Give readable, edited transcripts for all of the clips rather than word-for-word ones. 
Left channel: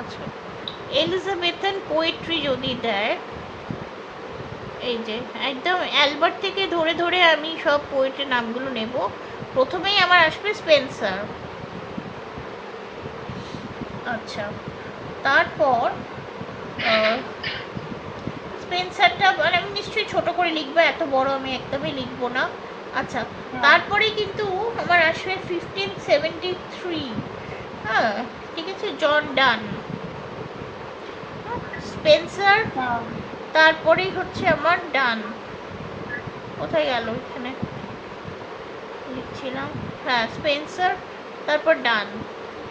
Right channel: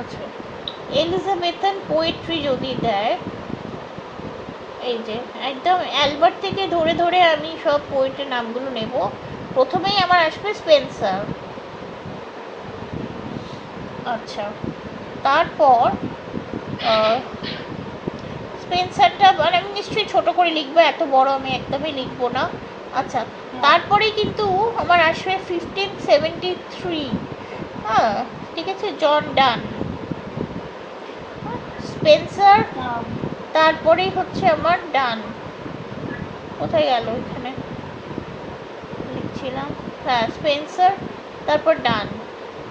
আচ্ছা, Elizabethan poetry যদি দেয়, এই যে একদম অ্যালবার্ট থেকে ধরে ধরে আমি সব পোয়েটের নামগুলো নেব। প্রথমেই আমার আসবে স্পেন্সার। আচ্ছা, তারপর স্পেন্সারটা মানে আমি নিশ্চয়ই ছোট করে লিখবো, এত বড় আমি একদমই লিখবো না। আচ্ছা, তারপরে কিন্তু আমার আসবে 1573, হ্যাঁ ঠিক আছে, জন ডান। স্পেন্সার, তারপরেই হচ্ছে আমার ডান। কোথায় গেল, এখানে লিখছিলাম, হ্যাঁ স্পেন্সার, তারপর ডান।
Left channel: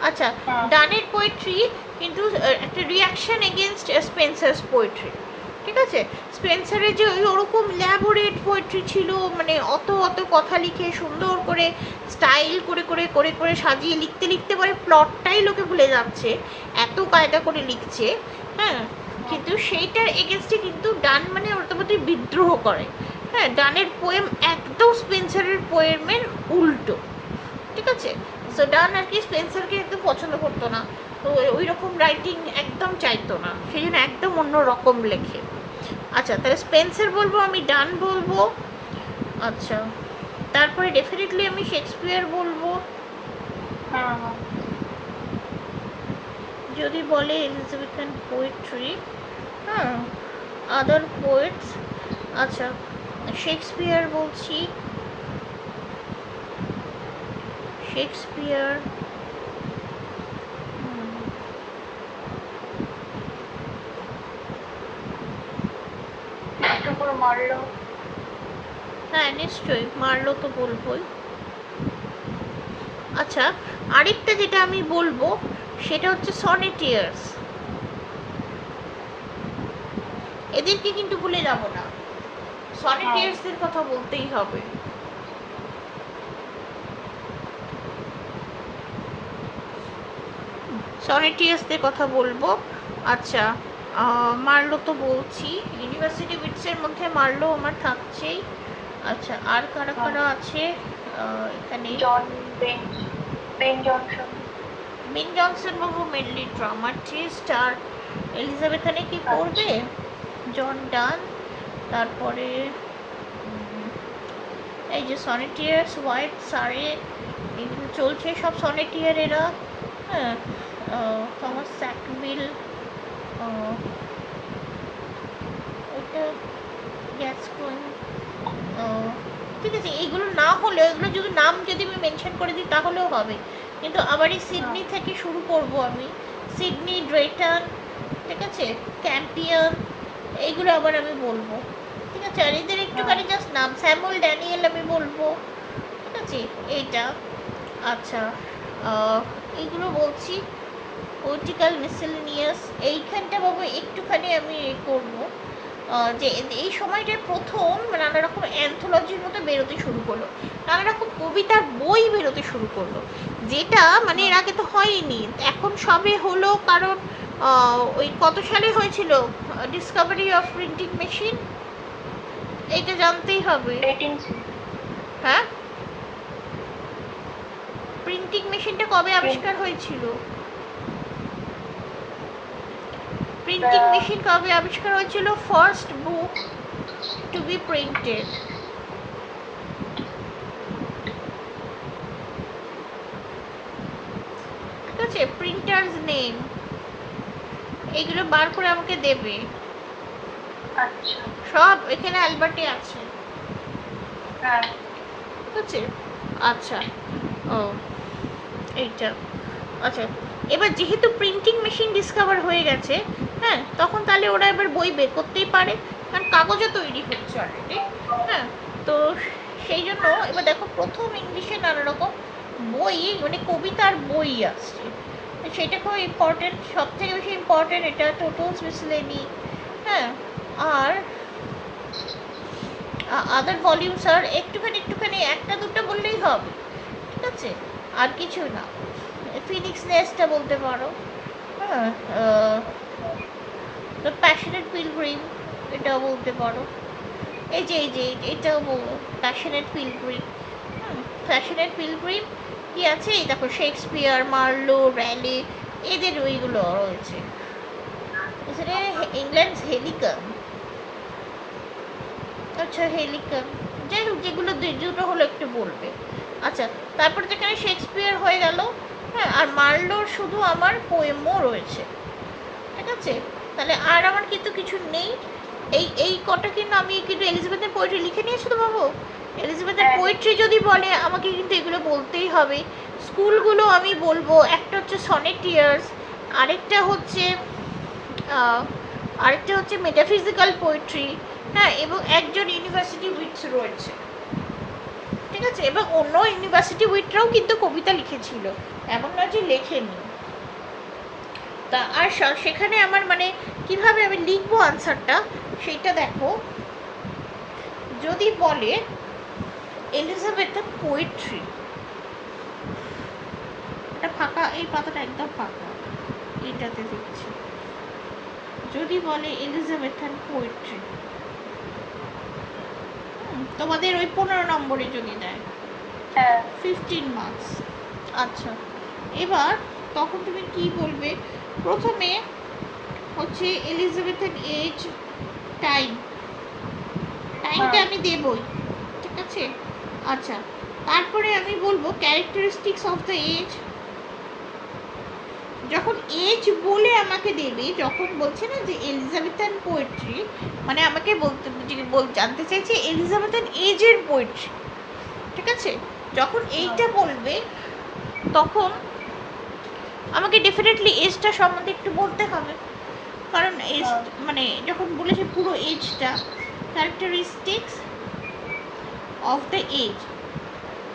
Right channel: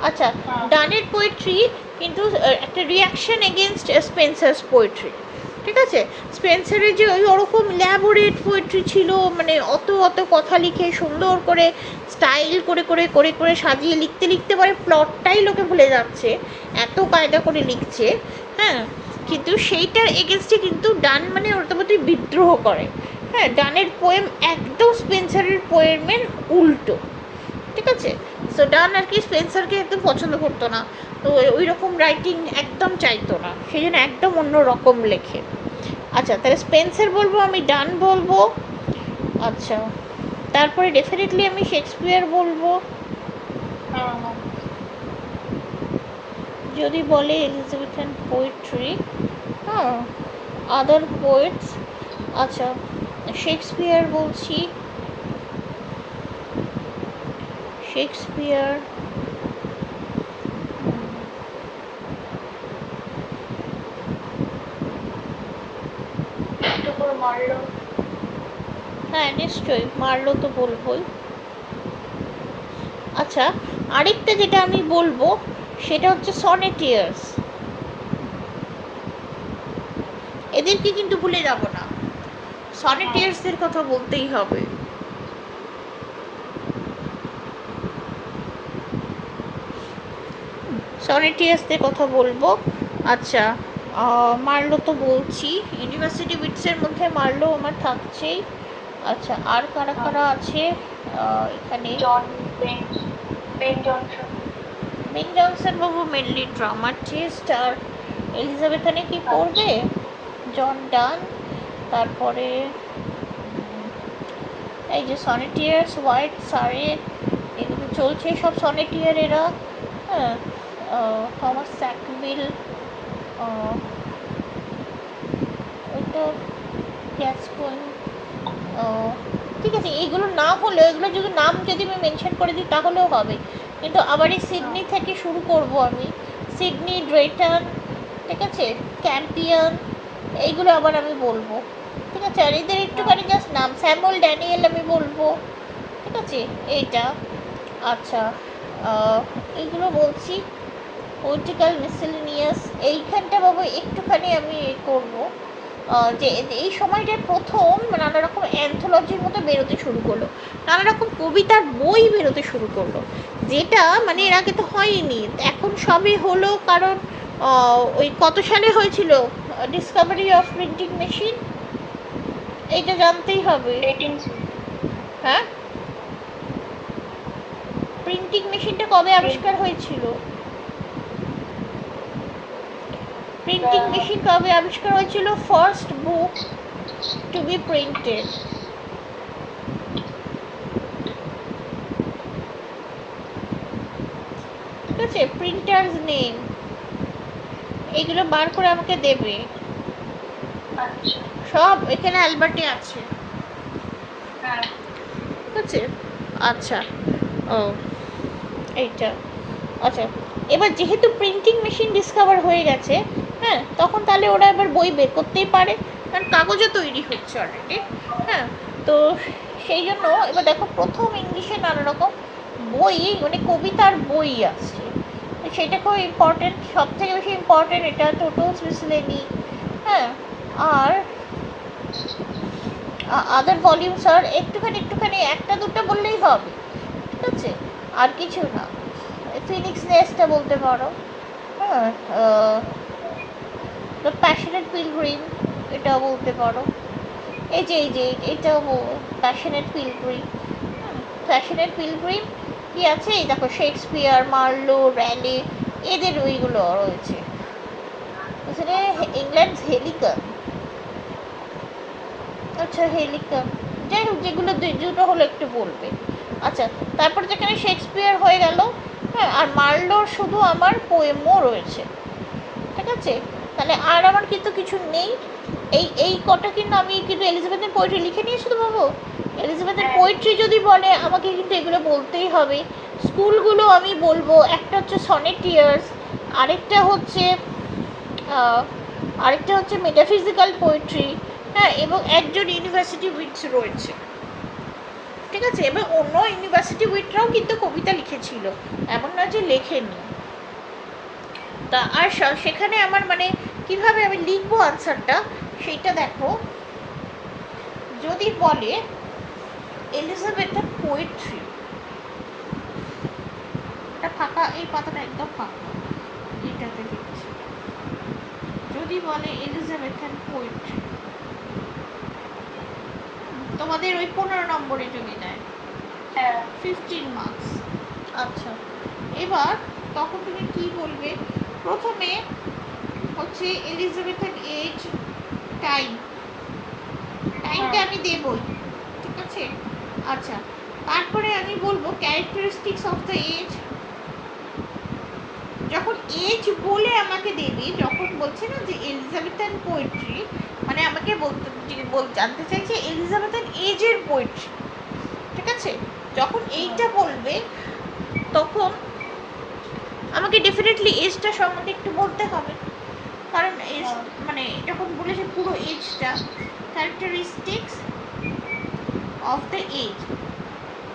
আচ্ছা, ডানের পোয়েট্রি কিন্তু একটা রিয়াকশন এগেনস্ট স্পেন্সার্স পোয়েট্রি, ঠিক আছে। স্পেন্সারের যে ওই ওরকম ল্যাবোরেট পোয়েট্রি ছিল, মানে অত অত কথা লিখে সুন্দর করে স্টাইল করে করে করে করে সাজিয়ে লিখতে লিখতে পরে প্লটটাই লোকে ভুলে যাচ্ছে, এত কায়দা করে লিখছে, হ্যাঁ। কিন্তু সেইটার এগেনস্টে কিন্তু ডান মানে ওর মধ্যে বিদ্রোহ করে, হ্যাঁ। ডানের পোয়েম একদম স্পেন্সারের পোয়েমের উল্টো, ঠিক আছে। সো ডান আর কি স্পেন্সারকে একদম পছন্দ করতো না, তো ওই রকম রাইটিং একদম চাইতো না, সেই জন্য একদম অন্য রকম লেখে। আচ্ছা, তাহলে স্পেন্সার বলবো আমি, ডান বলবো। আচ্ছা, তারপরে ডেফিনেটলি আমি শেক্সপিয়ার বলবো। যদি বলে এলিজাবেথান পোয়েট্রি, হ্যাঁ, আদার পোয়েটস, আচ্ছা শেক্সপিয়ার বলছি, শেক্সপিয়ার, মারলো, হ্যাঁ নিশ্চয়ই মারলো তো বলবোই। আচ্ছা, আরেকটা যেটা আমি বলবো সেটা হচ্ছে সনেটিয়ার্স, এদেরকে কিন্তু ভুলে যাব না, সনেটিয়ার্সদের কথা বলতেই হবে। সনেটিয়ার্সদের কথা বলবো। আচ্ছা, মার্লো তো বলছি, ইউনিভার্সিটি বিটসের মধ্যে মার্লো আমার থাকছেই। আচ্ছা, আর কারা কারা আছে এখানে? জন বেন জনসন। বেন জনসন বাবু মেনলি ড্রামাটিস্ট, আর এলিজাবেথানে কি করবে? জন ডান, তারপরে এই যে সনেটিয়ার্স, হোয়াইট সারে, এগুলো চলছে সব সনেটিয়ার এরা, হ্যাঁ। থমাস স্যাকভিল, এটা গ্যাসকোইন, ঠিক আছে। এইগুলো না হলেও, এগুলো যদি নাম যদি আমি মেনশন করে দিই তাহলেও হবে, কিন্তু আবার এই সিডনি থেকে শুরু করব আমি, সিডনি, ড্রেটন, ঠিক আছে, ক্যাম্পিয়ন, এইগুলো আবার আমি বলবো, ঠিক আছে। আর এদের একটুখানি জাস্ট নাম, স্যামুয়েল ড্যানিয়েল আমি বলবো, ঠিক আছে, এইটা। আচ্ছা, এইগুলো বলছি, পোলিটিক্যাল মিসেলেনিয়াস, এইখানটা বাবু একটুখানি আমি করবো, যে এই সময়টার প্রথম নানা রকম অ্যান্থোলজির মতো বেরোতে শুরু করলো, নানা রকম কবিতার বই বেরোতে শুরু করলো, যেটা মানে এর আগে তো হয়নি, এখন সবে হলো। কারণ ওই কত সালে হয়েছিল ডিসকভারি অফ প্রিন্টিং মেশিন, এইটা জানতেই হবে। হ্যাঁ, প্রিন্টিং মেশিনটা কবে আবিষ্কার হয়েছিল? প্রিন্টিং মেশিন কবে আবিষ্কার হয়েছিল? First book to be printed, ঠিক আছে, প্রিন্টার্স নেম, এইগুলো বার করে আমাকে দেবে। আচ্ছা, সব এখানে অ্যালবার্টে আছে, হ্যাঁ ঠিক আছে। আচ্ছা, ও এইটা, আচ্ছা। এবার যেহেতু প্রিন্টিং মেশিন ডিসকভার হয়ে গেছে, হ্যাঁ, তখন তাহলে ওরা এবার বই বের করতেই পারে, কারণ কাগজও তৈরি হচ্ছে অলরেডি, হ্যাঁ। তো সেই জন্য এবার দেখো প্রথম ইংলিশে নানা রকম বই, মানে কবিতার বই আসছে, সেটা খুব ইম্পর্টেন্ট, সব থেকে বেশি ইম্পর্টেন্ট এটা, টোটোস মিসলেনি, হ্যাঁ। আর আদার ভলিউমস আর একটুখানি একটুখানি একটা দুটো বললেই হবে, ঠিক আছে, আর কিছু না। ফিনিক্স নেস্টটা বলতে পারো, হ্যাঁ। দ্য প্যাশনেট পিলগ্রিম, এটাও বলতে পারো। এই যে এটাও প্যাশনেট পিলগ্রিম, প্যাশনেট পিলগ্রিম কি আছে, এই দেখো শেক্সপিয়ার, মার্লো, র্যালে, এদের ওইগুলো রয়েছে। এখানে ইংল্যান্ড হেলিকাম, আচ্ছা হেলিকাম, যাই হোক যেগুলো দুটো হলো একটু বলবে। আচ্ছা, তারপর যেখানে শেক্সপিয়ার হয়ে গেল, হ্যাঁ, আর মার্লোর শুধু আমার পোয়েমও রয়েছে, ঠিক আছে। তাহলে আর আমার কিন্তু কিছু নেই। এই কটা কিন্তু আমি কিন্তু এলিজাবেথের পোয়েট্রি লিখে নিয়েছি তো বাবু। এলিজাবেথের পোয়েট্রি যদি বলে আমাকে কিন্তু এগুলো বলতেই হবে। স্কুলগুলো আমি বলবো, একটা হচ্ছে সনেটিয়ার্স, আরেকটা হচ্ছে মেটাফিজিক্যাল পোয়েট্রি, হ্যাঁ, এবং একজন ইউনিভার্সিটি উইটস রয়েছে, ঠিক আছে। এবং অন্য ইউনিভার্সিটি উইটরাও কিন্তু কবিতা লিখেছিল, এমন নয় যে লেখেনি। তা আর সেখানে আমার মানে কিভাবে আমি লিখবো আনসারটা সেইটা দেখো। যদি বলে এলিজাবেথের পোয়েট্রি, এটা ফাঁকা, এই পাতাটা একদম ফাঁকা, এটাতে দেখছি। যদি বলে এলিজাবেথের পোয়েট্রি, তোমাদের ওই 15 নম্বরে যদি দেয় 15 মার্কস। আচ্ছা, এবার তখন তুমি কি বলবে? প্রথমে হচ্ছে এলিজাবেথের এজ, টাইমটা আমি দেবই, ঠিক আছে। আচ্ছা, তারপরে আমি বলবো ক্যারেক্টারিস্টিক্স অফ দ্য এজ। যখন এজ বলে আমাকে দেবে, যখন বলছে না যে এলিজাবেথান পোয়েট্রি, মানে আমাকে জানতে চাইছে এলিজাবেথান এজের পোয়েট্রি, ঠিক আছে। যখন এইটা বলবে তখন আমাকে ডেফিনেটলি এজটা সম্বন্ধে একটু বলতে হবে, কারণ এজ মানে যখন বলেছে পুরো এজটা, ক্যারেক্টারিস্টিক্স অফ দ্য এজ,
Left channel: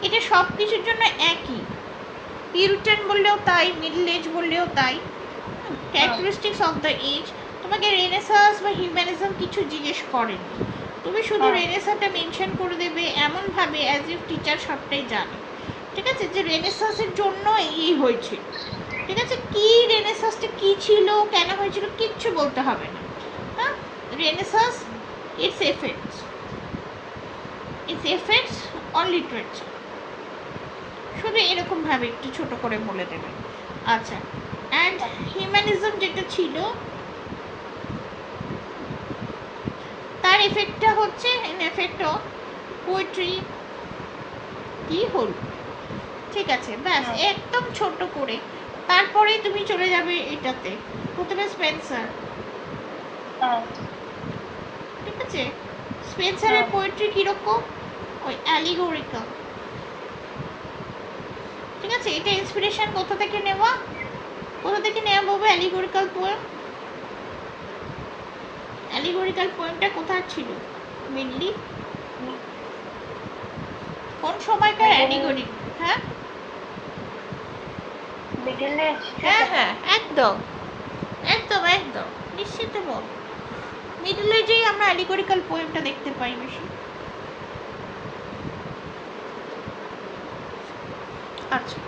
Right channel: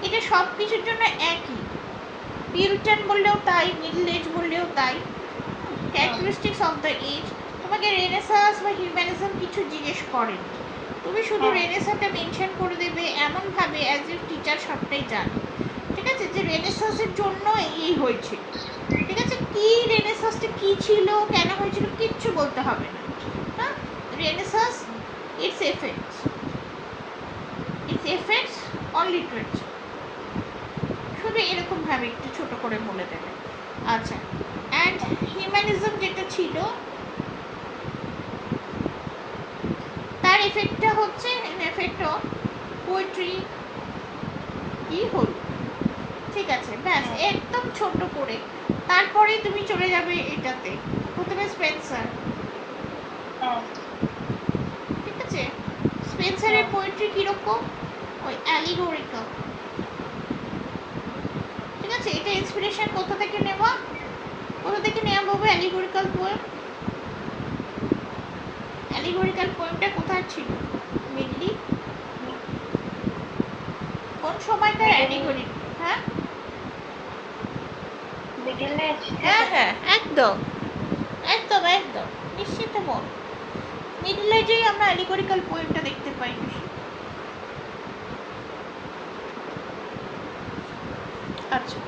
এটা সব কিছুর জন্য একই। পিউরিটান বললেও তাই, মিডল এজ বললেও তাই। ক্যারেক্টারিস্টিক্স অফ দ্য এজ, তোমাকে রেনেসাঁস বা হিউম্যানিজম কিছু জিজ্ঞেস করেনি, তুমি শুধু রেনেসাঁসটা মেনশন করে দেবে এমনভাবে অ্যাজ ইফ টিচার সবটাই জানে, ঠিক আছে, যে রেনেসাঁসের জন্য এই হয়েছে, ঠিক আছে। কি রেনেসাঁসটা কি ছিল, কেন হয়েছিল, কিচ্ছু বলতে হবে না, হ্যাঁ। Renaissance, it's effects on literature, শুধু এরকমভাবে একটু ছোট করে বলে দেবে। আচ্ছা, অ্যান্ড হিউম্যানিজম যেটা ছিল তার এফেক্টটা হচ্ছে এফেক্ট অফ পোয়েট্রি কি হল, ঠিক আছে, ব্যাস একদম ছোট করে। তারপরে তুমি চলে যাবে এটাতে, প্রথমে স্পেন্সার, ঠিক আছে। স্পেন্সারের পোয়েট্রি কিরকম, ওই অ্যালিগোরিক্যাল, ঠিক আছে। এটা ইন্সপিরেশন কোথা থেকে নেওয়া বাবু? অ্যালিগোরিক্যাল পোয়েমটা কোথায় ছিল মেনলি, কোন সময়কার অ্যালিগোরি? হ্যাঁ হ্যাঁ, একদম একদম একদম নিশ্চিত বল, মিডল এজেই আমরা অ্যালিগোরিক্যাল পোয়েমটা দেখতে পাই বেশি। আচ্ছা,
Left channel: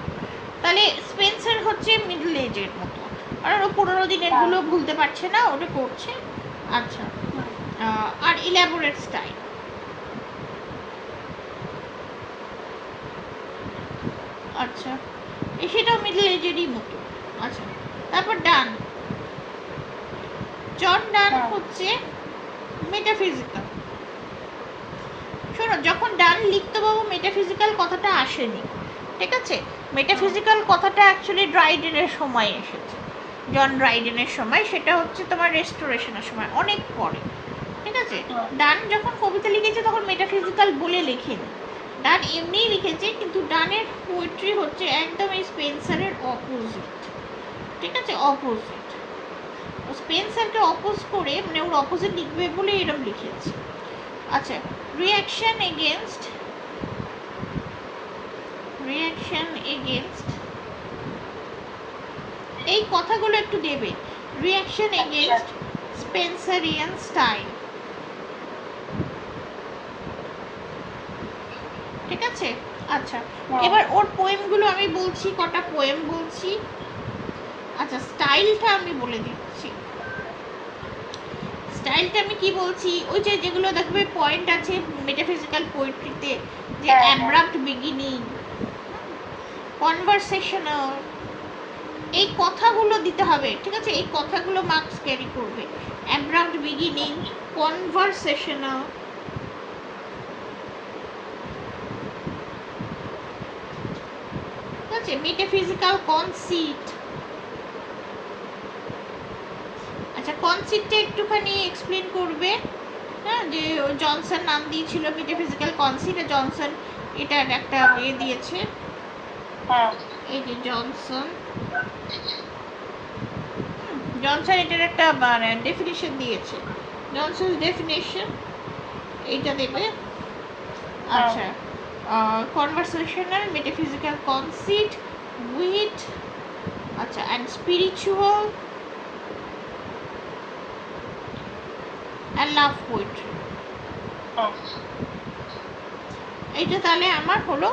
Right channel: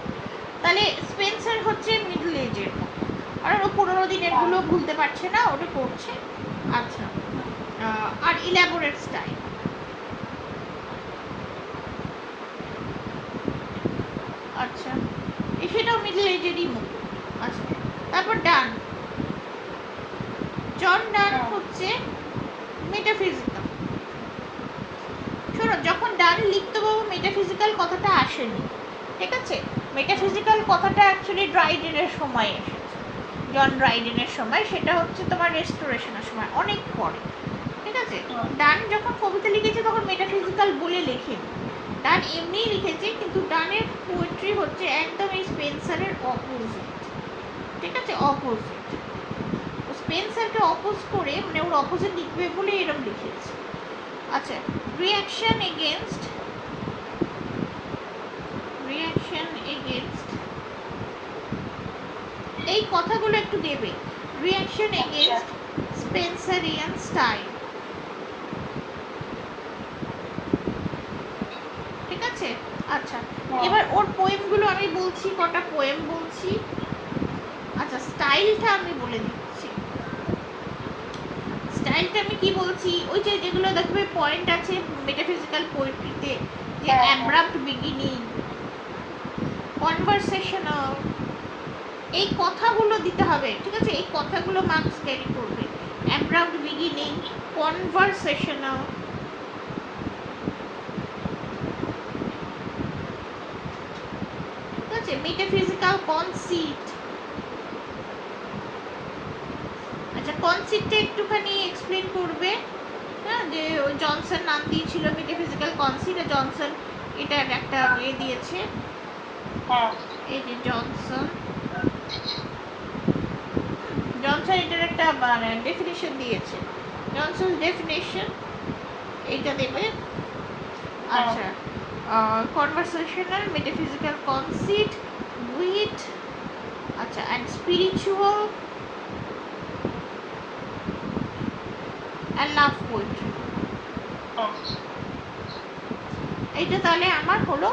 তাহলে স্পেন্সার হচ্ছে মিডল এজের মতো, আর ও 15 দিনের গুলো ভুলতে পারছে না, ওটা করছে। আচ্ছা, আর ইলাবোরেট স্টাইল, আচ্ছা, সেটাও মিডল এজেরই মতো। আচ্ছা, তারপর জন ডান হচ্ছে মেটাফিজিক্যাল। শোনো, যখন ডান লিখতে পাবো মেটাফিজিক্যাল কথাটা আসেনি, ঠিক আছে। মেটাফিজিক্যাল কথাটা অ্যাকচুয়ালি ড্রাইডেনের সময় এসেছে, জন ড্রাইডেনের সময়, সেটা হচ্ছে তোমার রেস্টোরেশনের সময়, অনেক পরে, ঠিক আছে। ডান যখন কবিতা লিখেছে তখন মেটাফিজিক্যাল বলে লেখেনি, ডান এমনিই লিখেছে, কিন্তু ডানের পোয়েট্রি হচ্ছে একদম এই স্পেন্সারের অপোজিট, ঠিক আছে, অপোজিট। স্পেন্সারকে অপোজ করে, মানে ওর অপোজিট লিখবে বলে এরকম লিখেছে। আচ্ছা, রিয়াকশন এগেনস্ট এই কথাগুলো একটু দেবে, রিয়াকশন এগেনস্ট স্পেন্সারিয়ান স্টাইল, ঠিক আছে। আচ্ছা, এবার ওর পোয়েমগুলো আমি বলছি, কটা পোয়েম বলছি। আচ্ছা, স্টাইলটা আমি বলে দিচ্ছি। স্টাইলটা আমি কি বলছি, ওই যে যেগুলো দেখবে পয়েন্ট আছে মেটাফিজিক্যাল পোয়েট্রিতে, যে অ্যাব্রাপ্ট বিগিনিং, কনভারসেশনাল, এই কথাগুলো দিতে হবে, ঠিক আছে? এই কথাগুলো মার্কস ক্যারি করবে। অ্যাব্রাপ্ট বিগিনিং, কনভারসেশনাল, ঠিক আছে? Metaphysical conceit. আচ্ছা, কনসিটটা একটুখানি এক্সপ্লেন করবে। হ্যাঁ, যে জনসন নাম দিয়েছিল মেটাফিজিক্যাল কনসিট, জনসন এটার একটা দিয়েছে। হ্যাঁ, এই যে জনসন এটার একটা মানে ডেফিনিশন দিয়েছে। জনসন ডেফিনিশন এটা দেবে। আচ্ছা, কনভারসেশনাল, মেটাফিজিক্যাল কনসিট, উইট, আচ্ছা, and spiritual and love poetry. এইটা তাহলে আমার হলো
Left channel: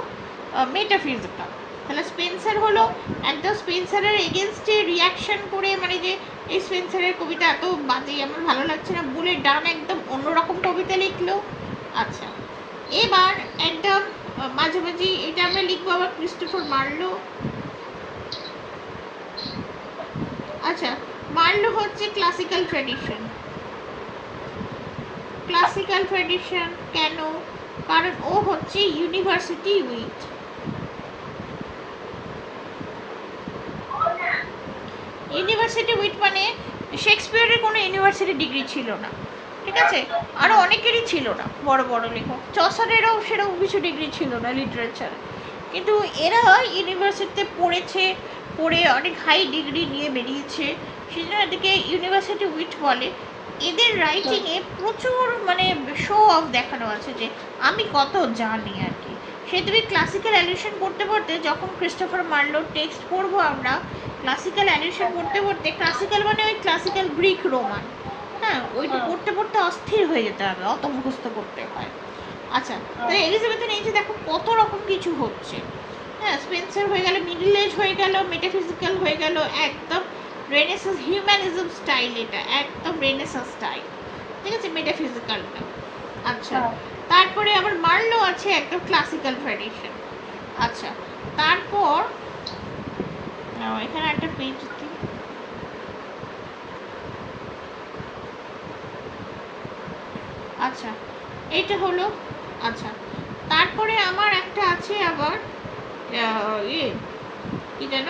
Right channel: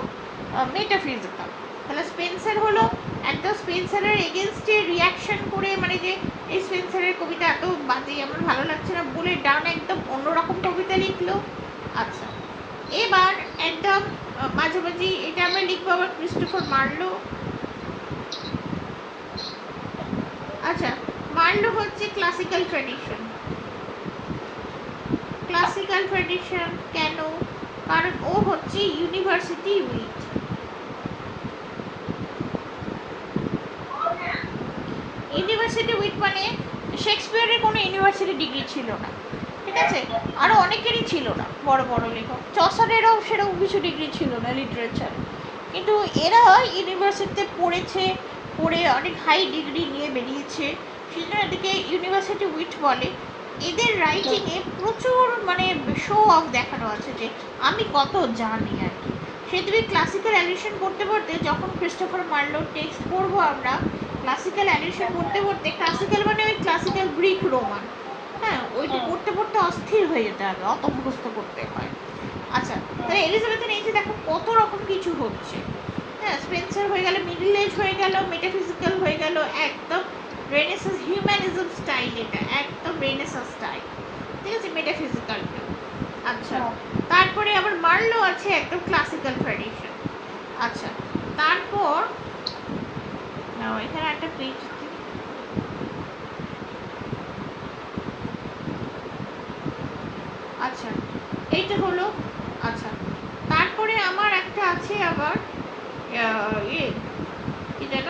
মেটাফিজিক্যাল। তাহলে স্পেন্সার হলো একদম স্পেন্সারের এগেনস্টে রিয়াকশন করে, মানে যে এই স্পেন্সারের কবিতা এত বাজে, আমার ভালো লাগছে না বলে ডান একদম অন্যরকম কবিতা লিখলো। আচ্ছা, এবার একদম মাঝামাঝি এটা আমরা লিখবো আবার ক্রিস্টোফার মার্লো। আচ্ছা, মার্লো হচ্ছে ক্লাসিক্যাল ট্র্যাডিশন। ক্লাসিক্যাল ট্র্যাডিশন কেন? কারণ ও হচ্ছে ইউনিভার্সিটি উইথ। ইউনিভার্সিটি উইথ মানে শেক্সপিয়ারের কোনো ইউনিভার্সিটি ডিগ্রি ছিল না, ঠিক আছে? আরও অনেকেরই ছিল না, বড় বড় লেখক, চসারেরও সেরকম কিছু ডিগ্রি ছিল না লিটারেচার, কিন্তু এরা ইউনিভার্সিটিতে পড়েছে, পড়ে অনেক হাই ডিগ্রি নিয়ে বেরিয়েছে, সেই জন্য এদিকে ইউনিভার্সিটি উইথ বলে। এদের রাইটিংয়ে প্রচুর মানে শো অফ দেখানো আছে যে আমি কত জানি আর কি। সে তুমি ক্লাসিক্যাল অ্যালিউশন পড়তে পড়তে, যখন ক্রিস্টোফার মার্লোর টেক্সট পড়বো আমরা, ক্লাসিক্যাল অ্যাডিশন পড়তে পড়তে, ক্লাসিক্যাল মানে ওই ক্লাসিক্যাল গ্রিক রোমান, হ্যাঁ, ওইটা পড়তে পড়তে অস্থির হয়ে যেতে হবে, অত মুখস্থ করতে হয়। আচ্ছা, তাহলে এলিজাবেথের এই যে দেখো কত রকম কিছু হচ্ছে। হ্যাঁ, স্পেন্সার হয়ে গেল, মিডল এজ হয়ে গেল, মেটাফিজিক্যাল হয়ে গেল, একদম রেনেসাস হিউম্যানিজম স্টাইল, এটা একদম রেনেসাস স্টাইল, ঠিক আছে, মেটাফিজিক্যালটা। আচ্ছা, তারপরে আবার মার্লো আছে একদম ক্লাসিক্যাল ট্র্যাডিশন। আচ্ছা, তারপর এখানে একটা পেজ, আচ্ছা এইটা হলো। আচ্ছা, তারপরে আমার একটা আছে আবার ইয়ে কি যেন,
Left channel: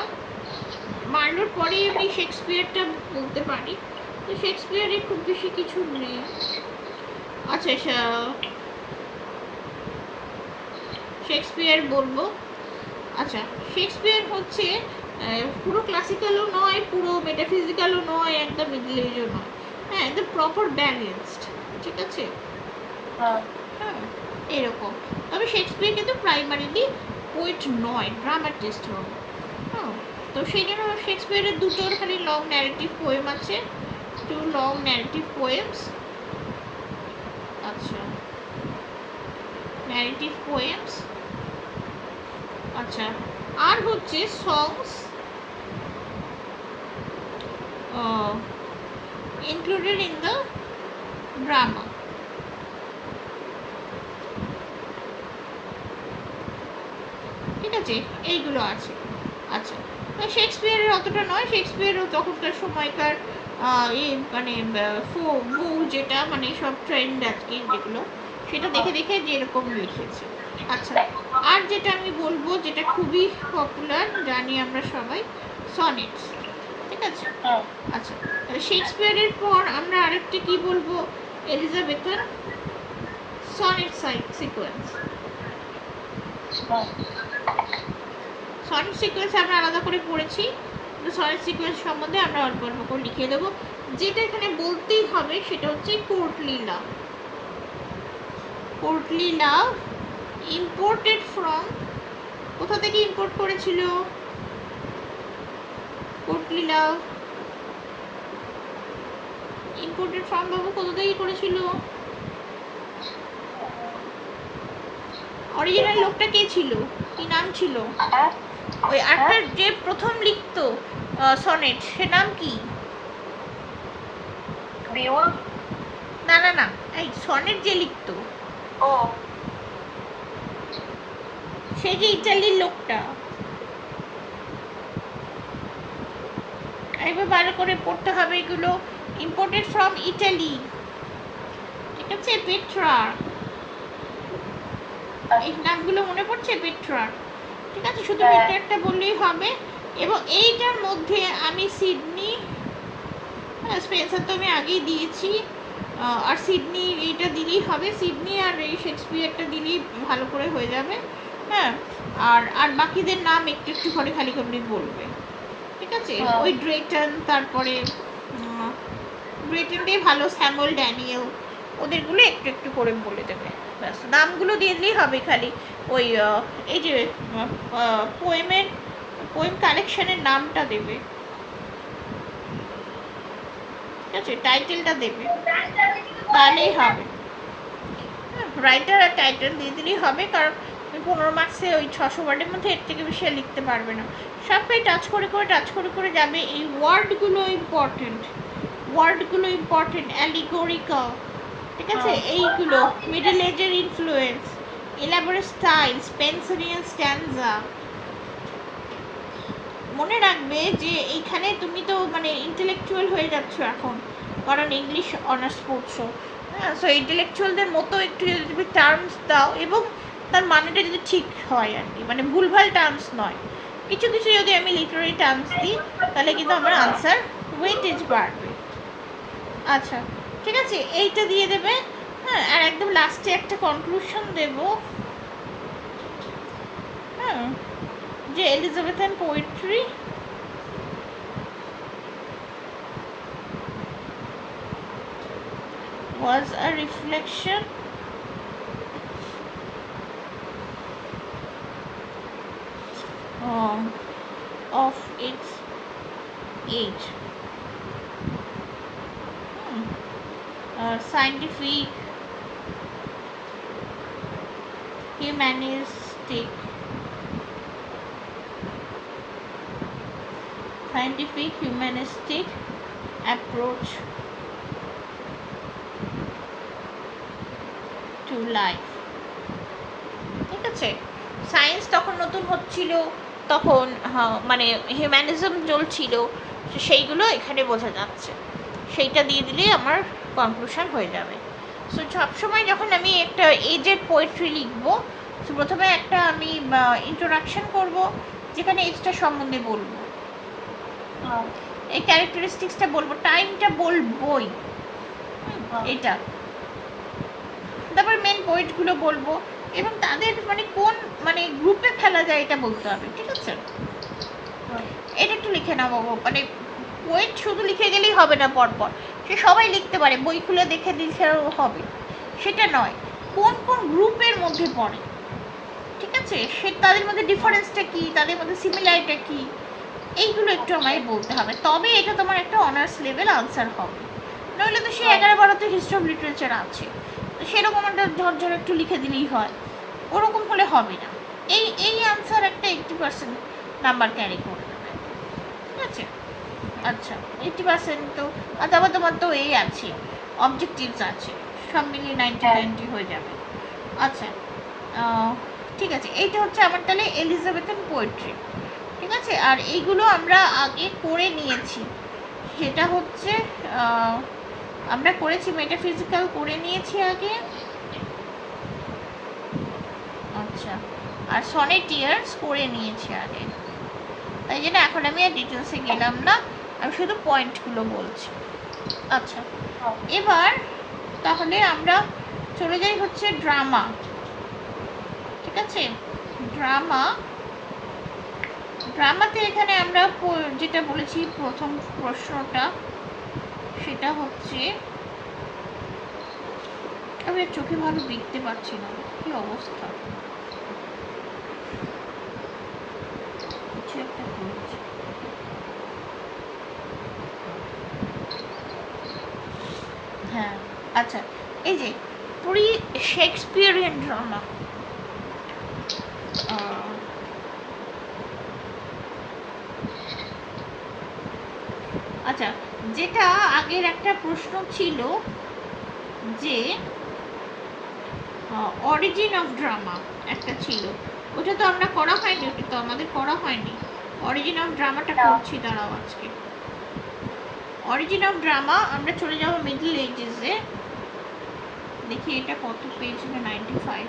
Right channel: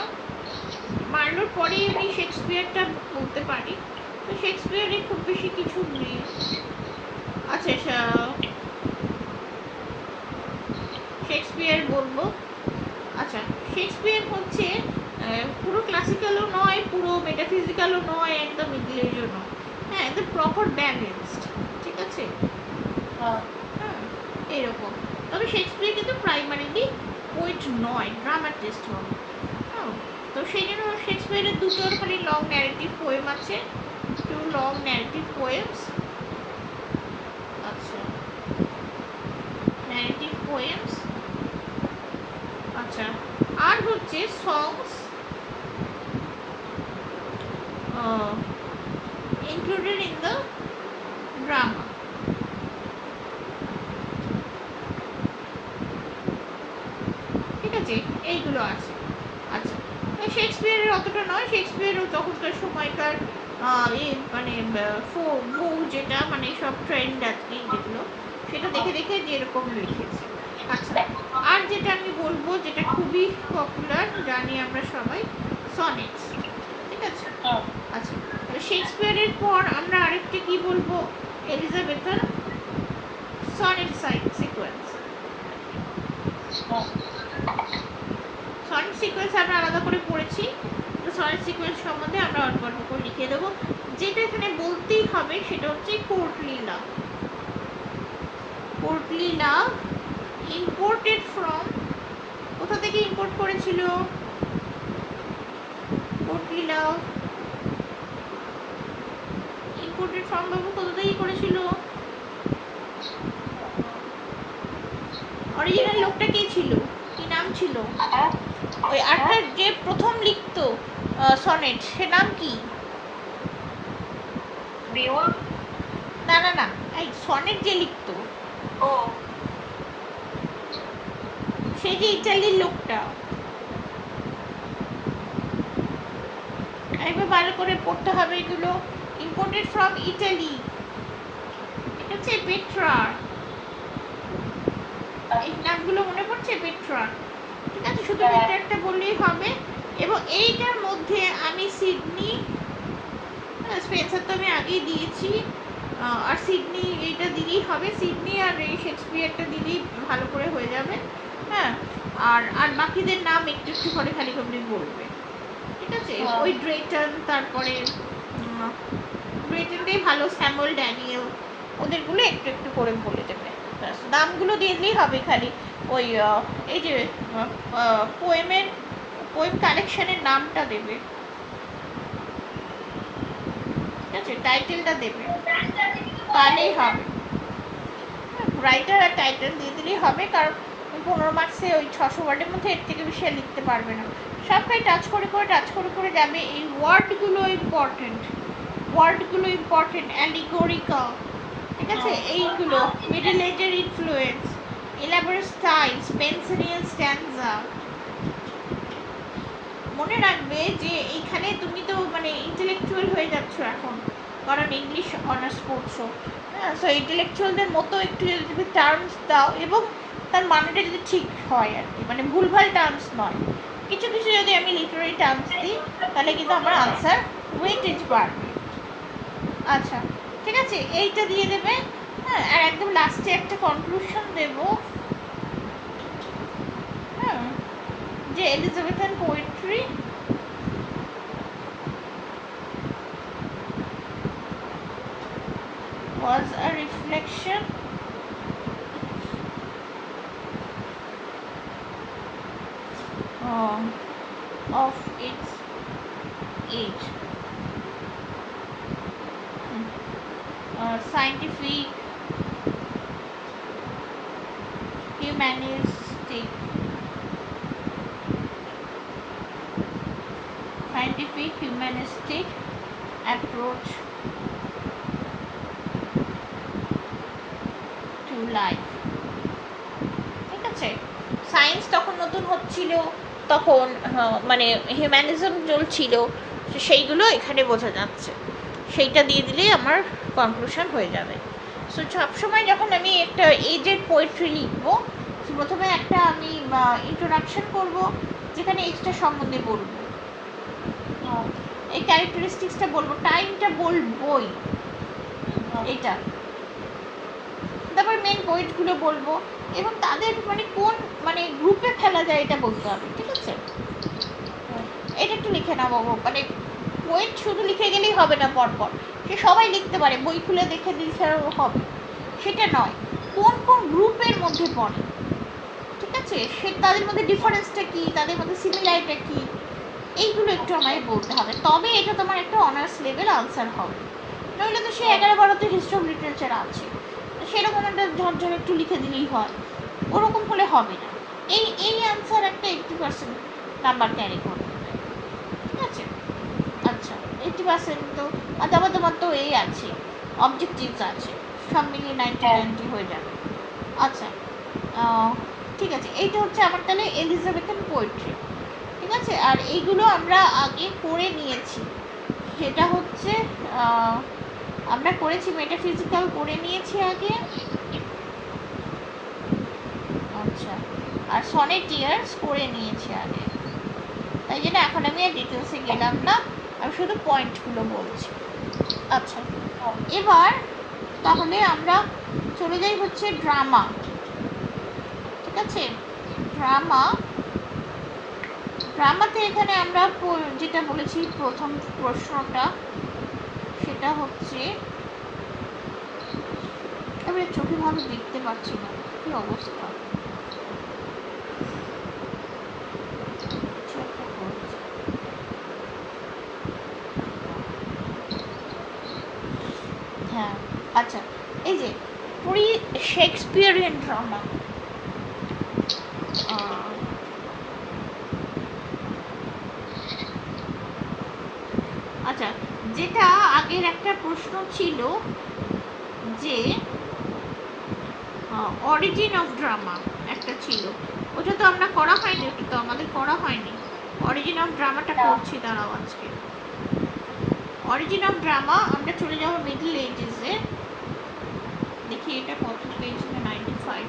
মার্লোর পরেই আমি শেক্সপিয়ারটা বলতে পারি, তো শেক্সপিয়ারের খুব বেশি কিছু নেই। আচ্ছা, শেক্সপিয়ার বলবো। আচ্ছা, শেক্সপিয়ার হচ্ছে পুরো ক্লাসিক্যালও নয়, পুরো মেটাফিজিক্যালও নয়, একদম মিডল এজও নয়, হ্যাঁ, একদম প্রপার ব্যালেন্সড, ঠিক আছে? হ্যাঁ, এরকম। তবে শেক্সপিয়ার কিন্তু প্রাইমারিলি পোয়েট নয়, ড্রামাটিস্ট হবে। হ্যাঁ, তো সেই জন্য শেক্সপিয়ারের দুটো খালি লং ন্যারেটিভ পোয়েম আছে, টু লং ন্যারেটিভ পোয়েমস। আচ্ছা, ন্যারেটিভ পোয়েমস। আচ্ছা, আর হচ্ছে সংস included in the drama. ঠিক আছে, এইগুলো আছে। আচ্ছা, শেক্সপিয়ারের অতটা নয়, শেক্সপিয়ারের তখনকার সময়কার মানে বউ যেটা, মানে সব ট্রেন্ড আজকে যেগুলো, সেটা দেখে দেখে যেরকম লিখেছে। আচ্ছা, আর যেটা আমি বলবো, যেটা খুবই পপুলার, জানি আমরা সবাই, সনেটস, ঠিক আছে? আচ্ছা, শেক্সপিয়ারের পর আমরা আরেকটা কি বলবো, এলিজাবেথের সনেট সিকোয়েন্স। সনেট সিকোয়েন্স আমরা আলাদা করে পড়েছি, কিন্তু সনেট সিকোয়েন্স সম্বন্ধে আমরা অল্প অল্প করে লিখে দেবো। যেটা এখানে বলতেই হবে সেটা হচ্ছে courtly love. Courtly love imported from, কোথা থেকে ইম্পোর্ট করেছিল কোর্টলি লাভ? ইম্পোর্টেড ফ্রম বাবু কোথা থেকে করেছিল? অরিজিনাল লোকটা কে ছিল, কি নাম ছিল? ওই আর্থার যে প্রথম লিখতো সনেট, সে নাম কি? বিউলফ? না না না, এই সনেট যে লিখতো, ও, সে যে ইটালির লোকটা, একবার ভালো করে পড়তে হবে এগুলো। ইম্পোর্টেড ফ্রম ইটালি, ঠিক আছে? পেট্রা, এই নামগুলো মনে পড়ছে? পেট্রা, ঠিক আছে? শুধু হ্যাঁ। পেট্রাটা বললেই হবে। এবং এইটার মধ্যে আমি সিডনি, স্পেন্সার তো আমি আগেই দিয়েছি, আর সিডনি এইটা দিলেই হবে। সিডনি আর এই শেক্সপিয়ারটা দিলেই ভালো করে হয়ে যাবে। হ্যাঁ, আর আর বাকিদের নাম একটু একটু করে খালি কমপ্লিট বলবে, ঠিক আছে? হ্যাঁ। ওই ড্রেটন, তারপরে ড্রেটনটাই ভালো, স্যামুয়েল ড্যানিয়েল, ওদেরগুলো একটু একটু করে বলে দেবে। ব্যাস, নামগুলো দিয়ে দিলেই হবে খালি। ওই এই যে পোয়েম কালেকশনের নামটা দেবে, ঠিক আছে? টাইটেলটা দেবে, তাহলেই হবে। রাইটার আর টাইটেল দিয়ে দিলেই হবে, কারণ 15 মার্কসে ওই 600 ওয়ার্ডের মধ্যে এর থেকে বেশি আর লিখতে পারবে না। সবটাই টাচ করে করে টাচ করে করে যাবে। এই ওয়ার্ডগুলো ইম্পর্টেন্ট, ওয়ার্ডগুলো ইম্পর্টেন্ট, অ্যালিগোরিক্যাল, ঠিক আছে? এইগুলো মিডল এজের ইনফ্লুয়েন্স, এলাবোরেট স্টাইল, স্পেন্সারিয়ান স্ট্যান্জা। মনে রাখবে যে এইখানে তুমি তো মানে ইন্টেলেকচুয়াল হয়ে যাচ্ছ এখন, কারণ ইংলিশ অনার্স পড়ছো। হ্যাঁ, সো ইন্টেলেকচুয়ালদের মতো একটু যদি তুমি টার্মস দাও এবং তার মানেটা যদি ঠিক হয় আর কি, মানে ভুলভাল টার্মস নয়, কিছু কিছু যদি আমি লিটারারি টার্মস দিই তাহলে কিন্তু আমার আনসার ওয়েটেজ বাড়বে। আচ্ছা, ঠিক আছে, এইটা দিয়ে দেবে। হ্যাঁ, আর একদম লাস্টে একটা কনক্লুশন দেবো। হ্যাঁ, যে Elizabethan poetry was a reflection of its age. Scientific, humanistic, approach to life, ঠিক আছে? সায়েন্স তখন নতুন হচ্ছিল, তখন মানে হিউম্যানিজম চলছিল, সেইগুলো এখানে বোঝা যাচ্ছে। সেইটা দিয়ে দিলেই আমার কনক্লুশন হয়ে যাবে। সো সবসময় যখন আমি একটা এজের পোয়েট্রি লিখবো, প্রথমে একটা আমি ইন্ট্রোডাকশন করব, যেখানে এজটা সম্বন্ধে বলবো, এই ক্যারেক্টারিস্টিক্সটা বলবো, টাইমটা বলবোই, এটা। তারপর মেন পয়েন্টগুলো বলবো এবং তাদের মানে কোন মানে গ্রুপে ফেলা যায় এটা বলতে হবে, ঠিক আছে? এটা একটু লিখে নাও বাবু, মানে পোয়েট শুধু লিখে গেলেই হবে না, পরপর সে সবাই লিখতে পারে, বই খুলে দেখে দিলেও হবে, সেটা নয়। কোন কোন গ্রুপের মধ্যে পড়ে, ঠিক আছে? সে তাদের মধ্যে ডিফারেন্সটা কী, তাদের মধ্যে সিমিলারিটা কী, এইগুলো একটু আমায় বলতে হবে, তবে এটা তোমার একটা অনার্স লেভেল আনসার হবে। নইলে তো সে 11-12তে হিস্ট্রি অফ লিটারেচার আছে, সেরকম একটা ঝরঝর একটু লিখে দিলেই হয়, ওরকম হলে হবে না। এই এই আনসার একটা 80% নাম্বার ক্যারি করে দেবে, ঠিক আছে? আচ্ছা, 80% তো, আর তারপর তোমার তো এই আছে, অবজেক্টিভস আছে, সব মিলিয়ে 90 হয়ে যাবে। আচ্ছা, ঠিক আছে, এইটা হচ্ছে আমার তাহলে এলিজাবেথান পোয়েট্রি, ঠিক আছে? আর এইগুলো আমরা আগে করে নিয়েছি, সেটা হচ্ছে আমরা করেছি মেটাফিজিক্যাল করে নিয়েছি আগে। আচ্ছা, আর সনেটিয়ার্স করে নিয়েছি আগে, তাই জন্য এখন আমি আর ডিটেলসে গেলাম না, আমি শুধু পয়েন্টগুলো বলছি। আচ্ছা, এবার তাহলে আমরা চলে যাই হচ্ছে ড্রামা, ঠিক আছে? ড্রামাতে এখানে আমরা যেটা বলেছি প্রথম প্রশ্নটা, সেটা হচ্ছে, আমি চোখে ভালো দেখতে পাচ্ছি না, কি অবস্থা, কিছু একটা করছে। হ্যাঁ, আচ্ছা, এই যে প্রি শেক্সপিয়ারিয়ান ড্রামা, আচ্ছা, যেটা আগের একটা প্রশ্ন ছিল যে অরিজিন অফ ড্রামা একটা ছিল, ওটা তো আমরা করা হয়নি, ওটা তো আমাদের করা হয়নি। অরিজিন অফ ড্রামাটা করছি, দাঁড়াও আজকে অরিজিন অফ ড্রামা আমরা চলে যাবো মিডল এজেসে। দেখি এটা কত পেজ, 95,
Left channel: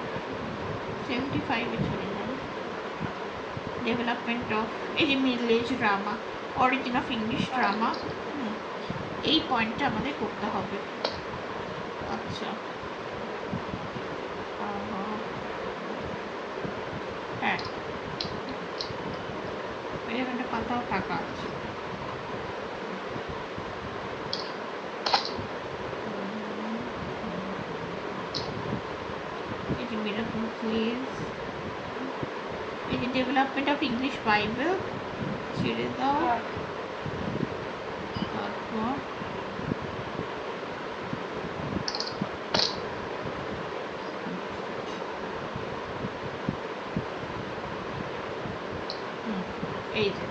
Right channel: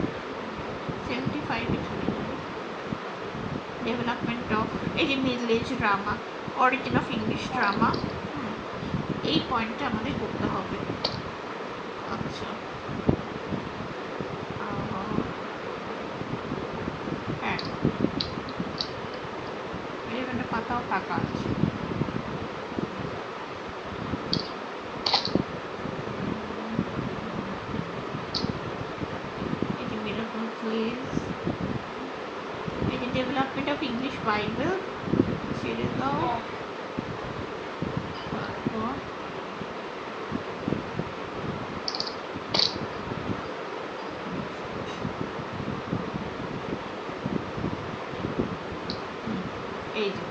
75-এ চলে যাবে। ডেভেলপমেন্ট অফ, এই যে middle age drama, origin of English drama, এই পয়েন্টটা আমাদের করতে হবে। আচ্ছা, হ্যাঁ, এরকম একটা পাতাও টাকা আছে। এই যে মিরাকল কেস, এই যে ডেভেলপমেন্ট অফ ইংলিশ বাইবেল ছেড়ে দাও। তারপর এই যে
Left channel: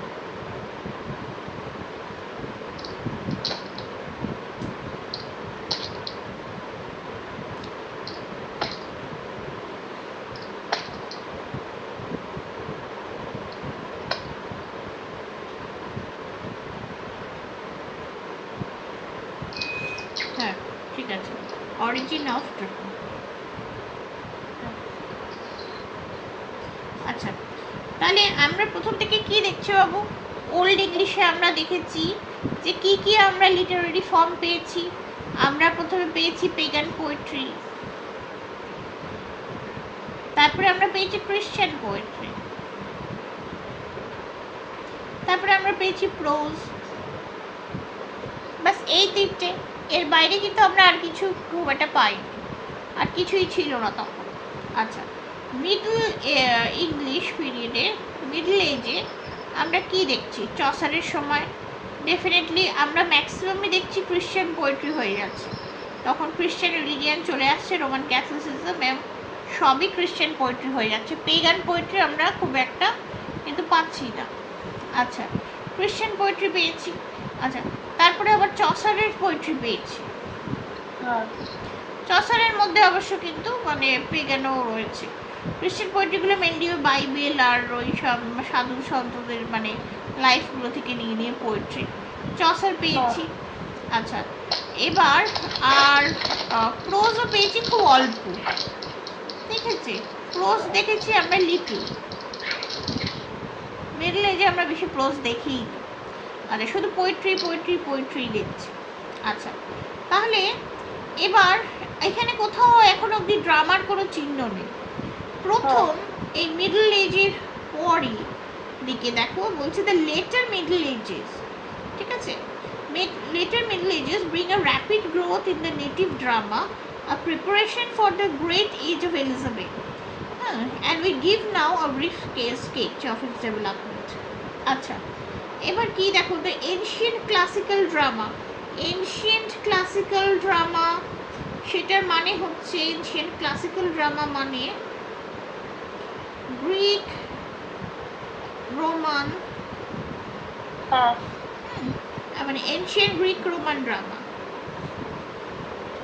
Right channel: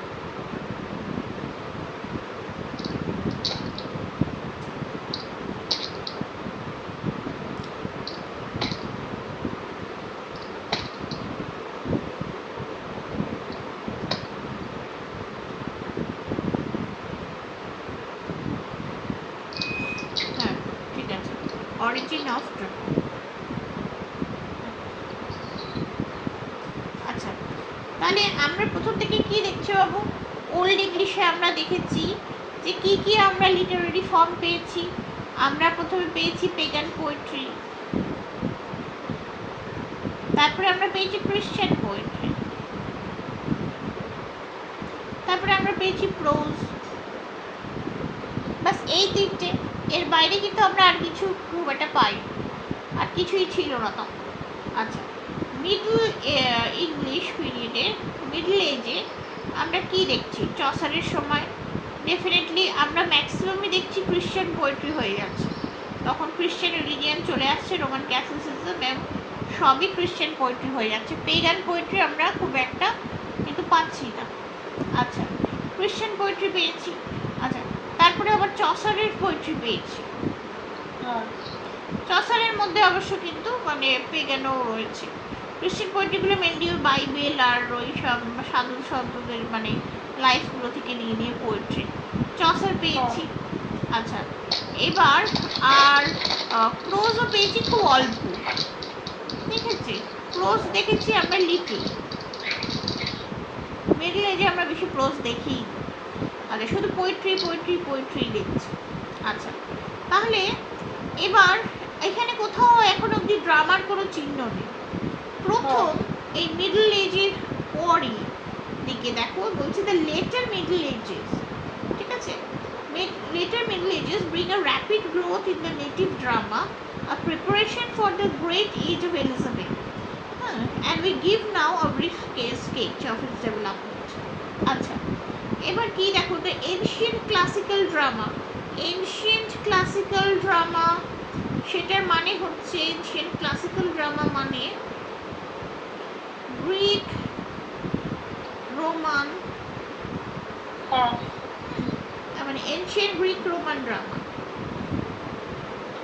হ্যাঁ, ঠিক আছে, অরিজিন অফ ড্রামা। আচ্ছা, তাহলে আমরা প্রথম থেকে কি দেখছি বাবু? ওল্ড ইংলিশে আমরা দেখেছি যে কি কি আমরা লিটারারি ফর্ম পেয়েছি। আমরা প্রথমে পেয়েছি পেগান পোয়েট্রি, তারপরে আমরা পেয়েছি ক্রিশ্চিয়ান পোয়েট্রি, তারপরে আমরা পেয়েছি প্রোজ। বাস এই তিনটে, এর বাইরে কিন্তু আমরা আর কিছু খুব একটা পাই, আর কিছুই ছিল না তখন। আচ্ছা, মিডল ইংলিশ পিরিয়ডে, মিডল এজে আমরা কি দেখছি? চসারের সময় ডেফিনেটলি আমরা ম্যাক্সিমামই দেখছি ক্রিশ্চিয়ান পোয়েট্রি হয়ে যাচ্ছে। তখন ক্রিশ্চিয়ান রিলিজিয়ান চলে আসছে, রোমান ক্যাথলিসিজম, সবই ক্রিশ্চিয়ান পোয়েট্রি হয়ে যাচ্ছে। পেগান পোয়েট্রি আমরা খুব একটা কিন্তু পাচ্ছি না। আচ্ছা, ক্রিশ্চিয়ান পোয়েট্রি পেয়েছি। আচ্ছা, তারপরে আবার চসারের পোয়েট্রি পেয়েছি। চসারের মধ্যে অবশ্য কিন্তু মানে পেগানও রয়েছে। ক্রিশ্চিয়ান পোয়েট্রিগুলো মেনলি বাইবেল আর ওই সব সাধু সন্তদের মানে লাইফগুলো থেকে নিয়ে নিয়ে পোয়েট্রি। চসার পেয়েছি। আচ্ছা, এবার আর প্রোজও পেয়েছি খুব অল্প, ঠিক আছে? প্রোজ দেখেছি আমরা লিটল, মিডল এজে আমরা বেশি প্রোজ দেখি। আচ্ছা, শুধু পোয়েট্রি পোয়েট্রি পোয়েট্রি দেখছি। আচ্ছা, তাহলে এবার এখানে কোথাও এখন অবধি ড্রামার কোনো চিহ্ন নেই। প্রথম এই মিডল এজের পরই দিকে দেখো বলছে দ্য লেটার মিডল এজেস, ঠিক আছে? Later Middle Ages bring a rapid growth in the native drama, a preparation for the great age of Elizabeth, and we give now a brief case sketch of its development. আচ্ছা, এবার কি দেখো, the ancient classical drama, ancient classical drama সেটার মানে হচ্ছে ancient classical drama মানে Greek, Roman, মানে ancient Greek Roman drama,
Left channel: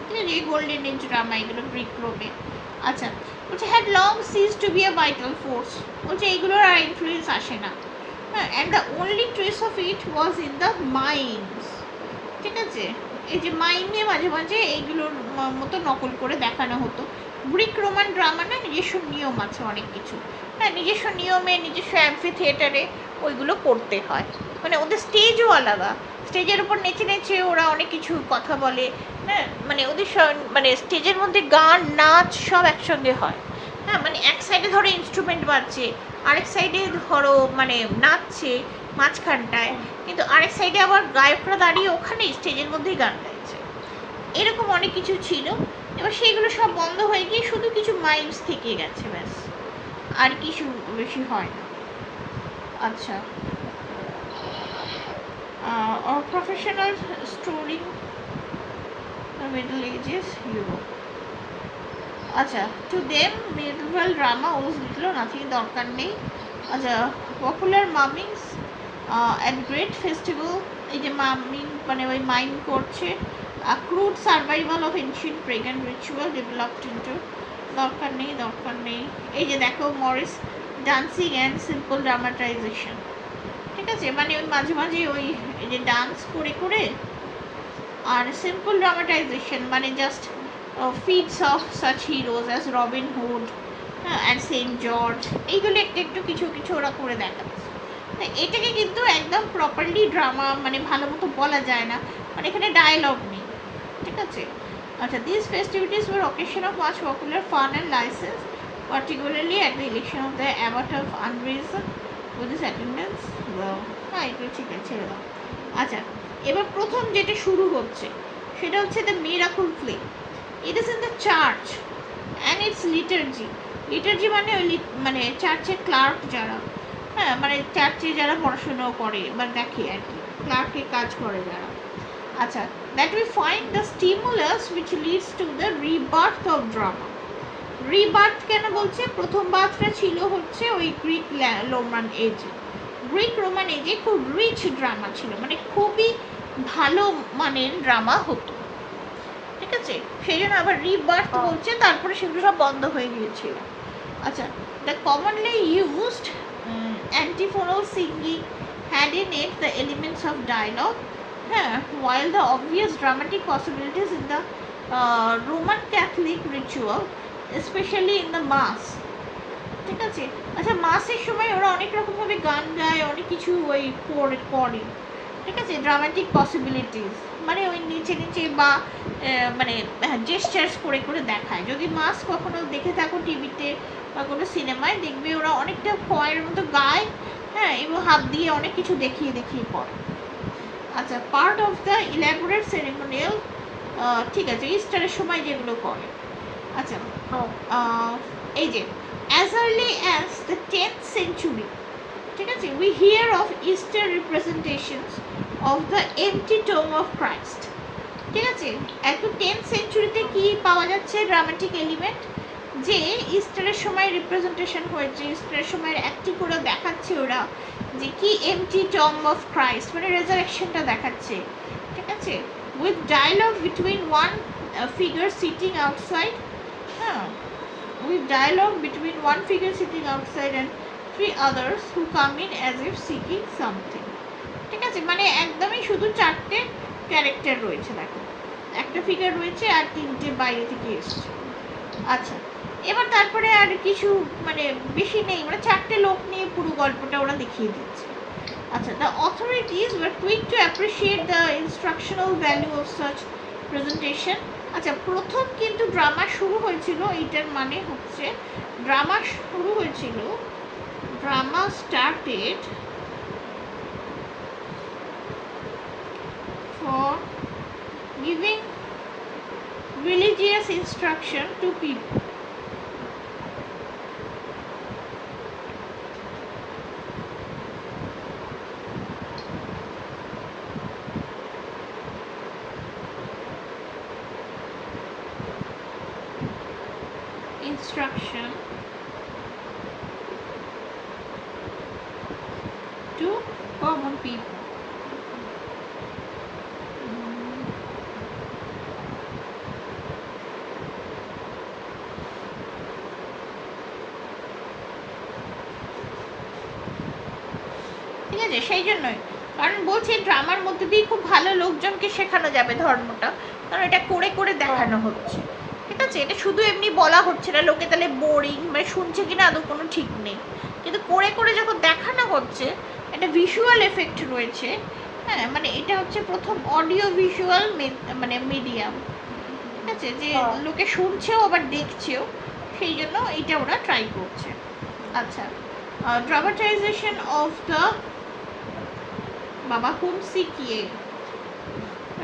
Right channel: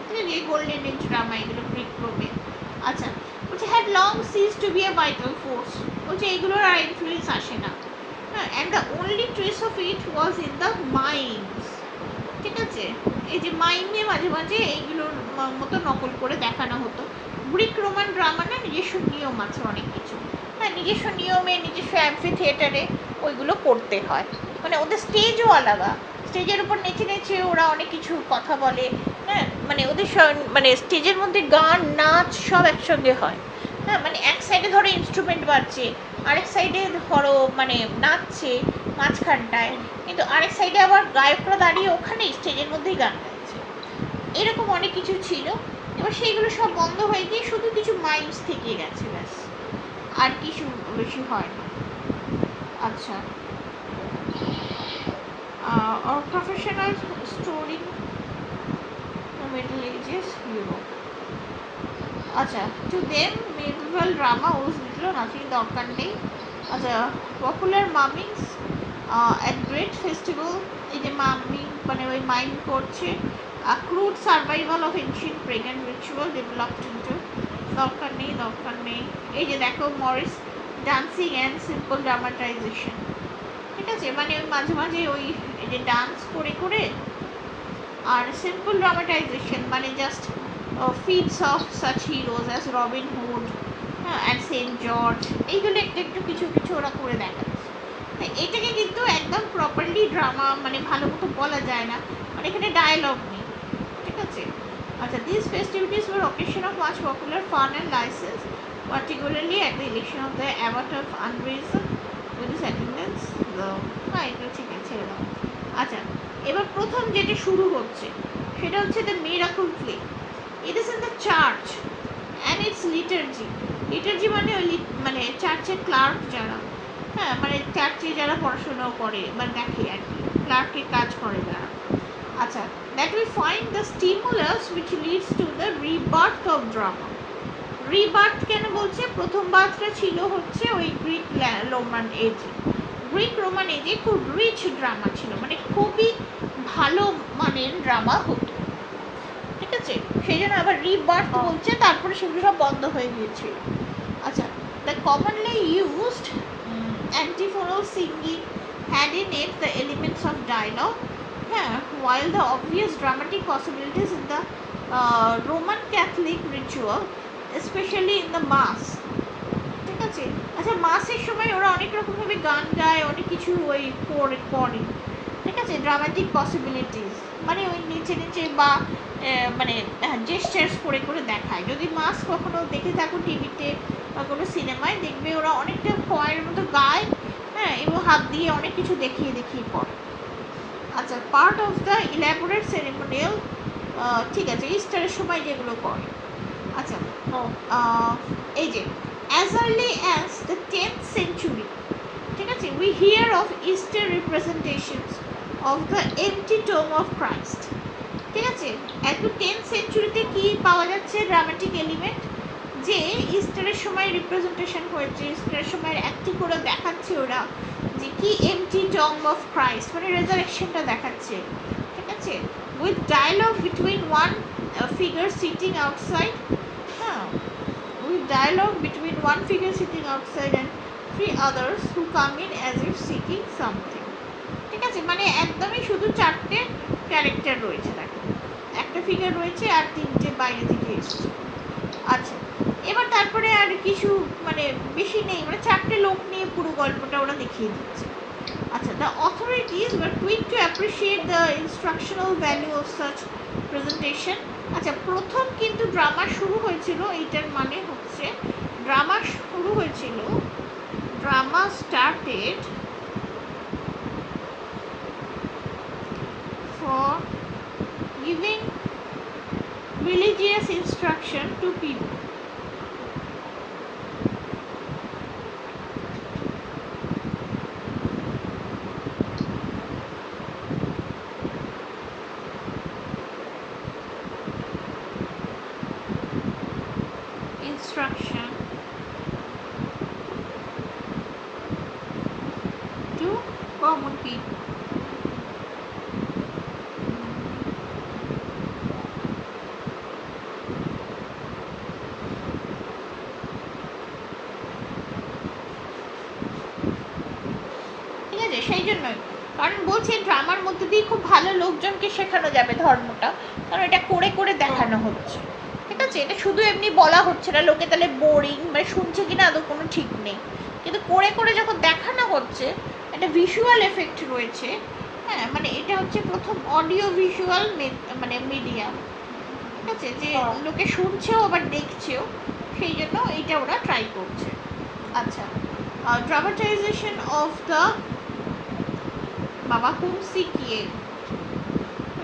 ঠিক আছে? গোল্ডেন এজ ড্রামা এগুলো গ্রিক রোমে। আচ্ছা, বলছে had long ceased to be a vital force, বলছে এগুলোর আর ইনফ্লুয়েন্স আসে না, হ্যাঁ, and the only trace of it was in the mimes, ঠিক আছে? এই যে মাইমে মাঝে মাঝে এইগুলোর মতো নকল করে দেখানো হতো। গ্রিক রোমান ড্রামা না নিজস্ব নিয়ম আছে অনেক কিছু, হ্যাঁ, নিজস্ব নিয়মে নিজস্ব অ্যাম্ফি থিয়েটারে ওইগুলো করতে হয়, মানে ওদের স্টেজও আলাদা, স্টেজের উপর নেচে নেচে ওরা অনেক কিছু কথা বলে, হ্যাঁ, মানে ওদের মানে স্টেজের মধ্যে গান নাচ সব একসঙ্গে হয়, হ্যাঁ, মানে এক সাইডে ধরো ইনস্ট্রুমেন্ট বাজছে, আরেক সাইডে ধরো মানে নাচছে মাঝখানটায়, কিন্তু আরেক সাইডে আবার গায়করা দাঁড়িয়ে ওখানেই স্টেজের মধ্যেই গান গাইছে, এরকম অনেক কিছু ছিল। এবার সেইগুলো সব বন্ধ হয়ে গিয়ে শুধু কিছু মাইমস থেকে গেছে, ব্যাস, আর কিছু বেশি হয় না। আচ্ছা, or professional story the Middle Ages Europe. আচ্ছা, to them medieval drama was little or nothing, দরকার নেই। আচ্ছা, popular mummings at great festival, এই যে মামিং মানে ওই মাইম করছে, crude survival of ancient pagan ritual developed into, দরকার নেই দরকার নেই। এই যে দেখো Morris dancing and simple dramatisation, ঠিক আছে? মানে মাঝে মাঝে ওই এই যে ডান্স করে করে আর সিম্পল ড্রামাটাইজেশন মানে just feats of such heroes as Robin Hood and Saint George, এইগুলো একটু একটু কিছু কিছু ওরা করে দেখাচ্ছে। তো এটাকে কিন্তু একদম প্রপারলি ড্রামা মানে ভালো মতো বলা যায় না, মানে এখানে ডায়ালগ নেই, ঠিক আছে। আচ্ছা, this festivities were occasion of much popular fun and licence, particularly at the election of the abbot of unreason with his attendance. হ্যাঁ, এগুলো ঠিক আছে, ছেড়ে দাও। আচ্ছা, এবার প্রথম যেটা শুরু হচ্ছে সেটা হচ্ছে the miracle play. It is in the church and its liturgy. Liturgy মানে ওই মানে চার্চের ক্লার্ক যারা, হ্যাঁ মানে চার্চে যারা পড়াশোনাও করে বা দেখে আর কি, ক্লার্কের কাজ করে যারা। আচ্ছা, that we find the stimulus which leads to the rebirth of drama. Rebirth কেন বলছে? প্রথম বার্থটা ছিল হচ্ছে ওই গ্রিক রোমান এজে। গ্রিক রোমান এজে খুব রিচ ড্রামা ছিল, মানে খুবই ভালো মানের ড্রামা হতো, ঠিক আছে। সেই জন্য আবার রিবার্থ বলছে, তারপরে সেগুলো সব বন্ধ হয়ে গিয়েছিল। আচ্ছা, the commonly used antiphonal singing had in it the elements of dialogue, while the obvious dramatic possibilities in the Roman Catholic ritual, especially in the mass, ঠিক আছে। আচ্ছা, মাসের সময় ওরা অনেক রকমভাবে গান গায়, অনেক কিছু ওই করে, ঠিক আছে। ড্রামাটিক পসিবিলিটিস মানে ওই নিচে নিচে বা মানে জেস্টার্স করে করে দেখায়। যদি মাস কখনো দেখে থাকো টিভিতে বা কোনো সিনেমায়, দেখবে ওরা অনেকটা কয়ের মতো গায়, হ্যাঁ, এবং হাত দিয়ে অনেক কিছু দেখিয়ে দেখিয়ে করে। আচ্ছা, part of the elaborate ceremonial, ঠিক আছে, ইস্টারের সময় যেগুলো করে। আচ্ছা, এই যে as early as the 10th century, ঠিক আছে, we hear of Easter representations of the empty tomb of Christ, ঠিক আছে। এখন 10th সেঞ্চুরিতে কি পাওয়া যাচ্ছে ড্রামাটিক এলিমেন্ট, যে ইস্টারের সময় রিপ্রেজেন্টেশন হয়েছে, ইস্টারের সময় একটি করে দেখাচ্ছে ওরা যে কি এমটি টম্ব অফ ক্রাইস্ট, মানে রেজারেকশনটা দেখাচ্ছে, ঠিক আছে, with dialogue between one figure sitting outside, হ্যাঁ, with dialogue between one figure sitting outside and three others who come in as if seeking something, ঠিক আছে। মানে একদমই শুধু চারটে ক্যারেক্টার রয়েছে, দেখো একটা ফিগার রয়েছে আর তিনটে বাইরে থেকে এসছে। আচ্ছা, এবার তারপরে আর কিছু মানে বেশি নেই, মানে চারটে লোক নিয়ে পুরো গল্পটা ওরা দেখিয়ে দিচ্ছে। আচ্ছা, the authorities were quick to appreciate the instructional value of such presentation. আচ্ছা, প্রথম কিন্তু ড্রামা শুরু হয়েছিল, এইটার মানে হচ্ছে ড্রামা শুরু হয়েছিল, drama started for giving religious instruction to people. Instruction to common people. ঠিক আছে, সেই জন্যই, কারণ বলছে ড্রামার মধ্যে দিয়ে খুব ভালো লোকজনকে শেখানো যাবে ধর্মটা, কারণ এটা করে করে দেখানো হচ্ছে, ঠিক আছে। এটা শুধু এমনি বলা হচ্ছে না, লোকে তাহলে বোরিং মানে শুনছে কিনা আদৌ কোনো ঠিক নেই, কিন্তু করে করে যখন দেখানো হচ্ছে একটা ভিজুয়াল এফেক্ট রয়েছে, হ্যাঁ, মানে এটা হচ্ছে প্রথম অডিও ভিজুয়াল মানে মিডিয়াম, ঠিক আছে, যে লোকে শুনছেও আবার দেখছেও, সেই জন্য এইটা ওরা ট্রাই করছে। আচ্ছা, ড্রামাটাইজেশন অফ দ্য বাবা হুমসি কিয়ে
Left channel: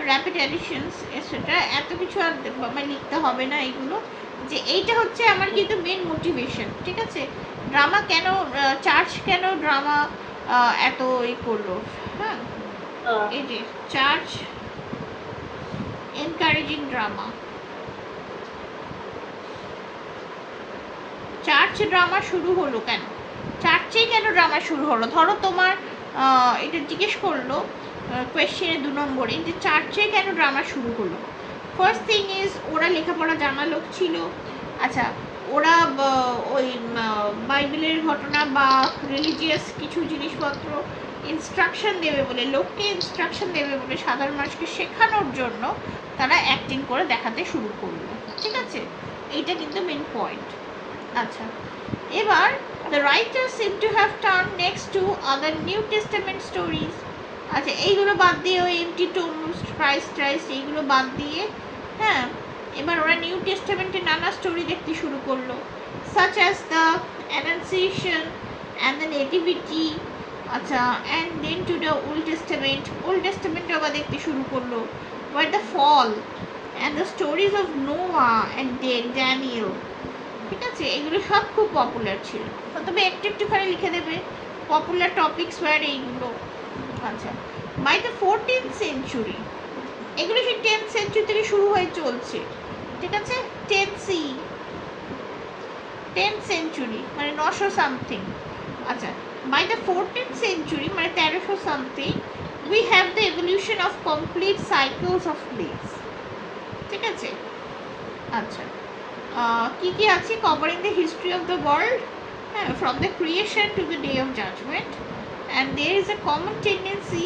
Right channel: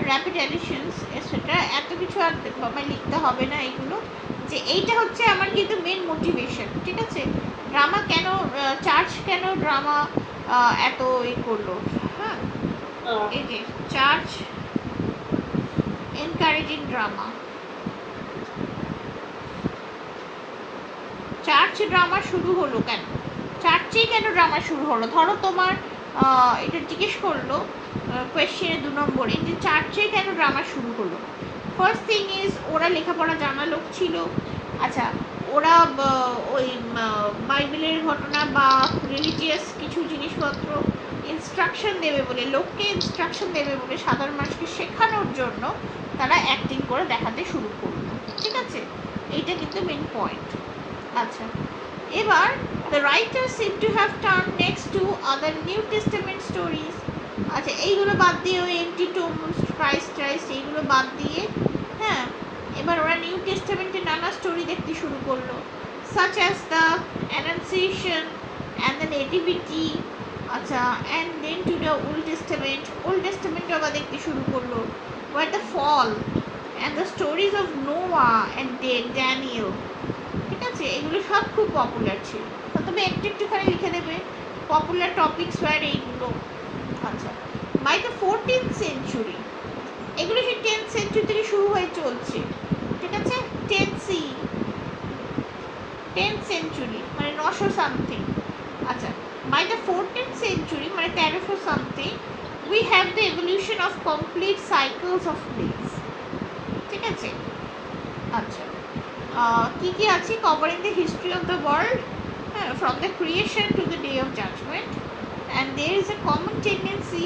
র্যাপিড অ্যাডিশনস, সেটা এত কিছু আর বাবা লিখতে হবে না এগুলো, যে এইটা হচ্ছে আমার কিন্তু মেন মোটিভেশন, ঠিক আছে। ড্রামা কেন, চার্চ কেন ড্রামা এত করলো, হ্যাঁ, এই যে church encouraging drama, church drama শুরু হলো কেন, চার্চেই কেন ড্রামা শুরু হলো? ধরো তোমার এটা জিজ্ঞেস করলো কোয়েশ্চেনে 2 নম্বরে যে চার্চে কেন ড্রামা শুরু হলো। ফার্স্ট থিং ইজ ওরা লেখাপড়া জানা লোক ছিল। আচ্ছা, ওরা ওই বাইবেলের ঘটনা বা রিলিজিয়াস কিছু জিনিসপত্র ইনস্ট্রাকশন দেবে বলে, লোককে ইনস্ট্রাকশন দেবে বলে, সাধারণ মানুষকে শেখানোর জন্য তারা অ্যাক্টিং করে দেখাতে শুরু করলো। ঠিক আছে, এইটা কিন্তু মেন পয়েন্ট। আচ্ছা, এবার the writer seem to have turn next to other New Testament stories. আচ্ছা, এইগুলো বাদ দিয়ে ওই এমটি টোম্বস, ক্রাইস্ট এইগুলো বাদ দিয়ে, হ্যাঁ, এবার ওরা নিউ টেস্টামেন্টের নানা স্টোরি দেখতে শুরু করলো, such as the Annunciation and the Nativity, আচ্ছা, and then to the Old Testament আবার দেখতে শুরু করলো, where the fall and the stories of Noah and Daniel। ঠিক আছে, এগুলো সব খুব পপুলার ছিল। তবে একটুখানি লিখে দেবে পপুলার টপিকস ওয়ার এইগুলো। আচ্ছা, বাই দ্য 14th century, এগুলো সেই 10th century থেকে শুরু হয়ে চলছে। ঠিক আছে, 10th century মানে 900 সামথিং। আচ্ছা, বাই দ্য 14th century মানে 1300 something, we have the evolution of complete cycles of plays. ঠিক আছে, আচ্ছা, কি কি আছে, covering the history of the world, হ্যাঁ, from the creation to the day of judgement, and there is a common tendency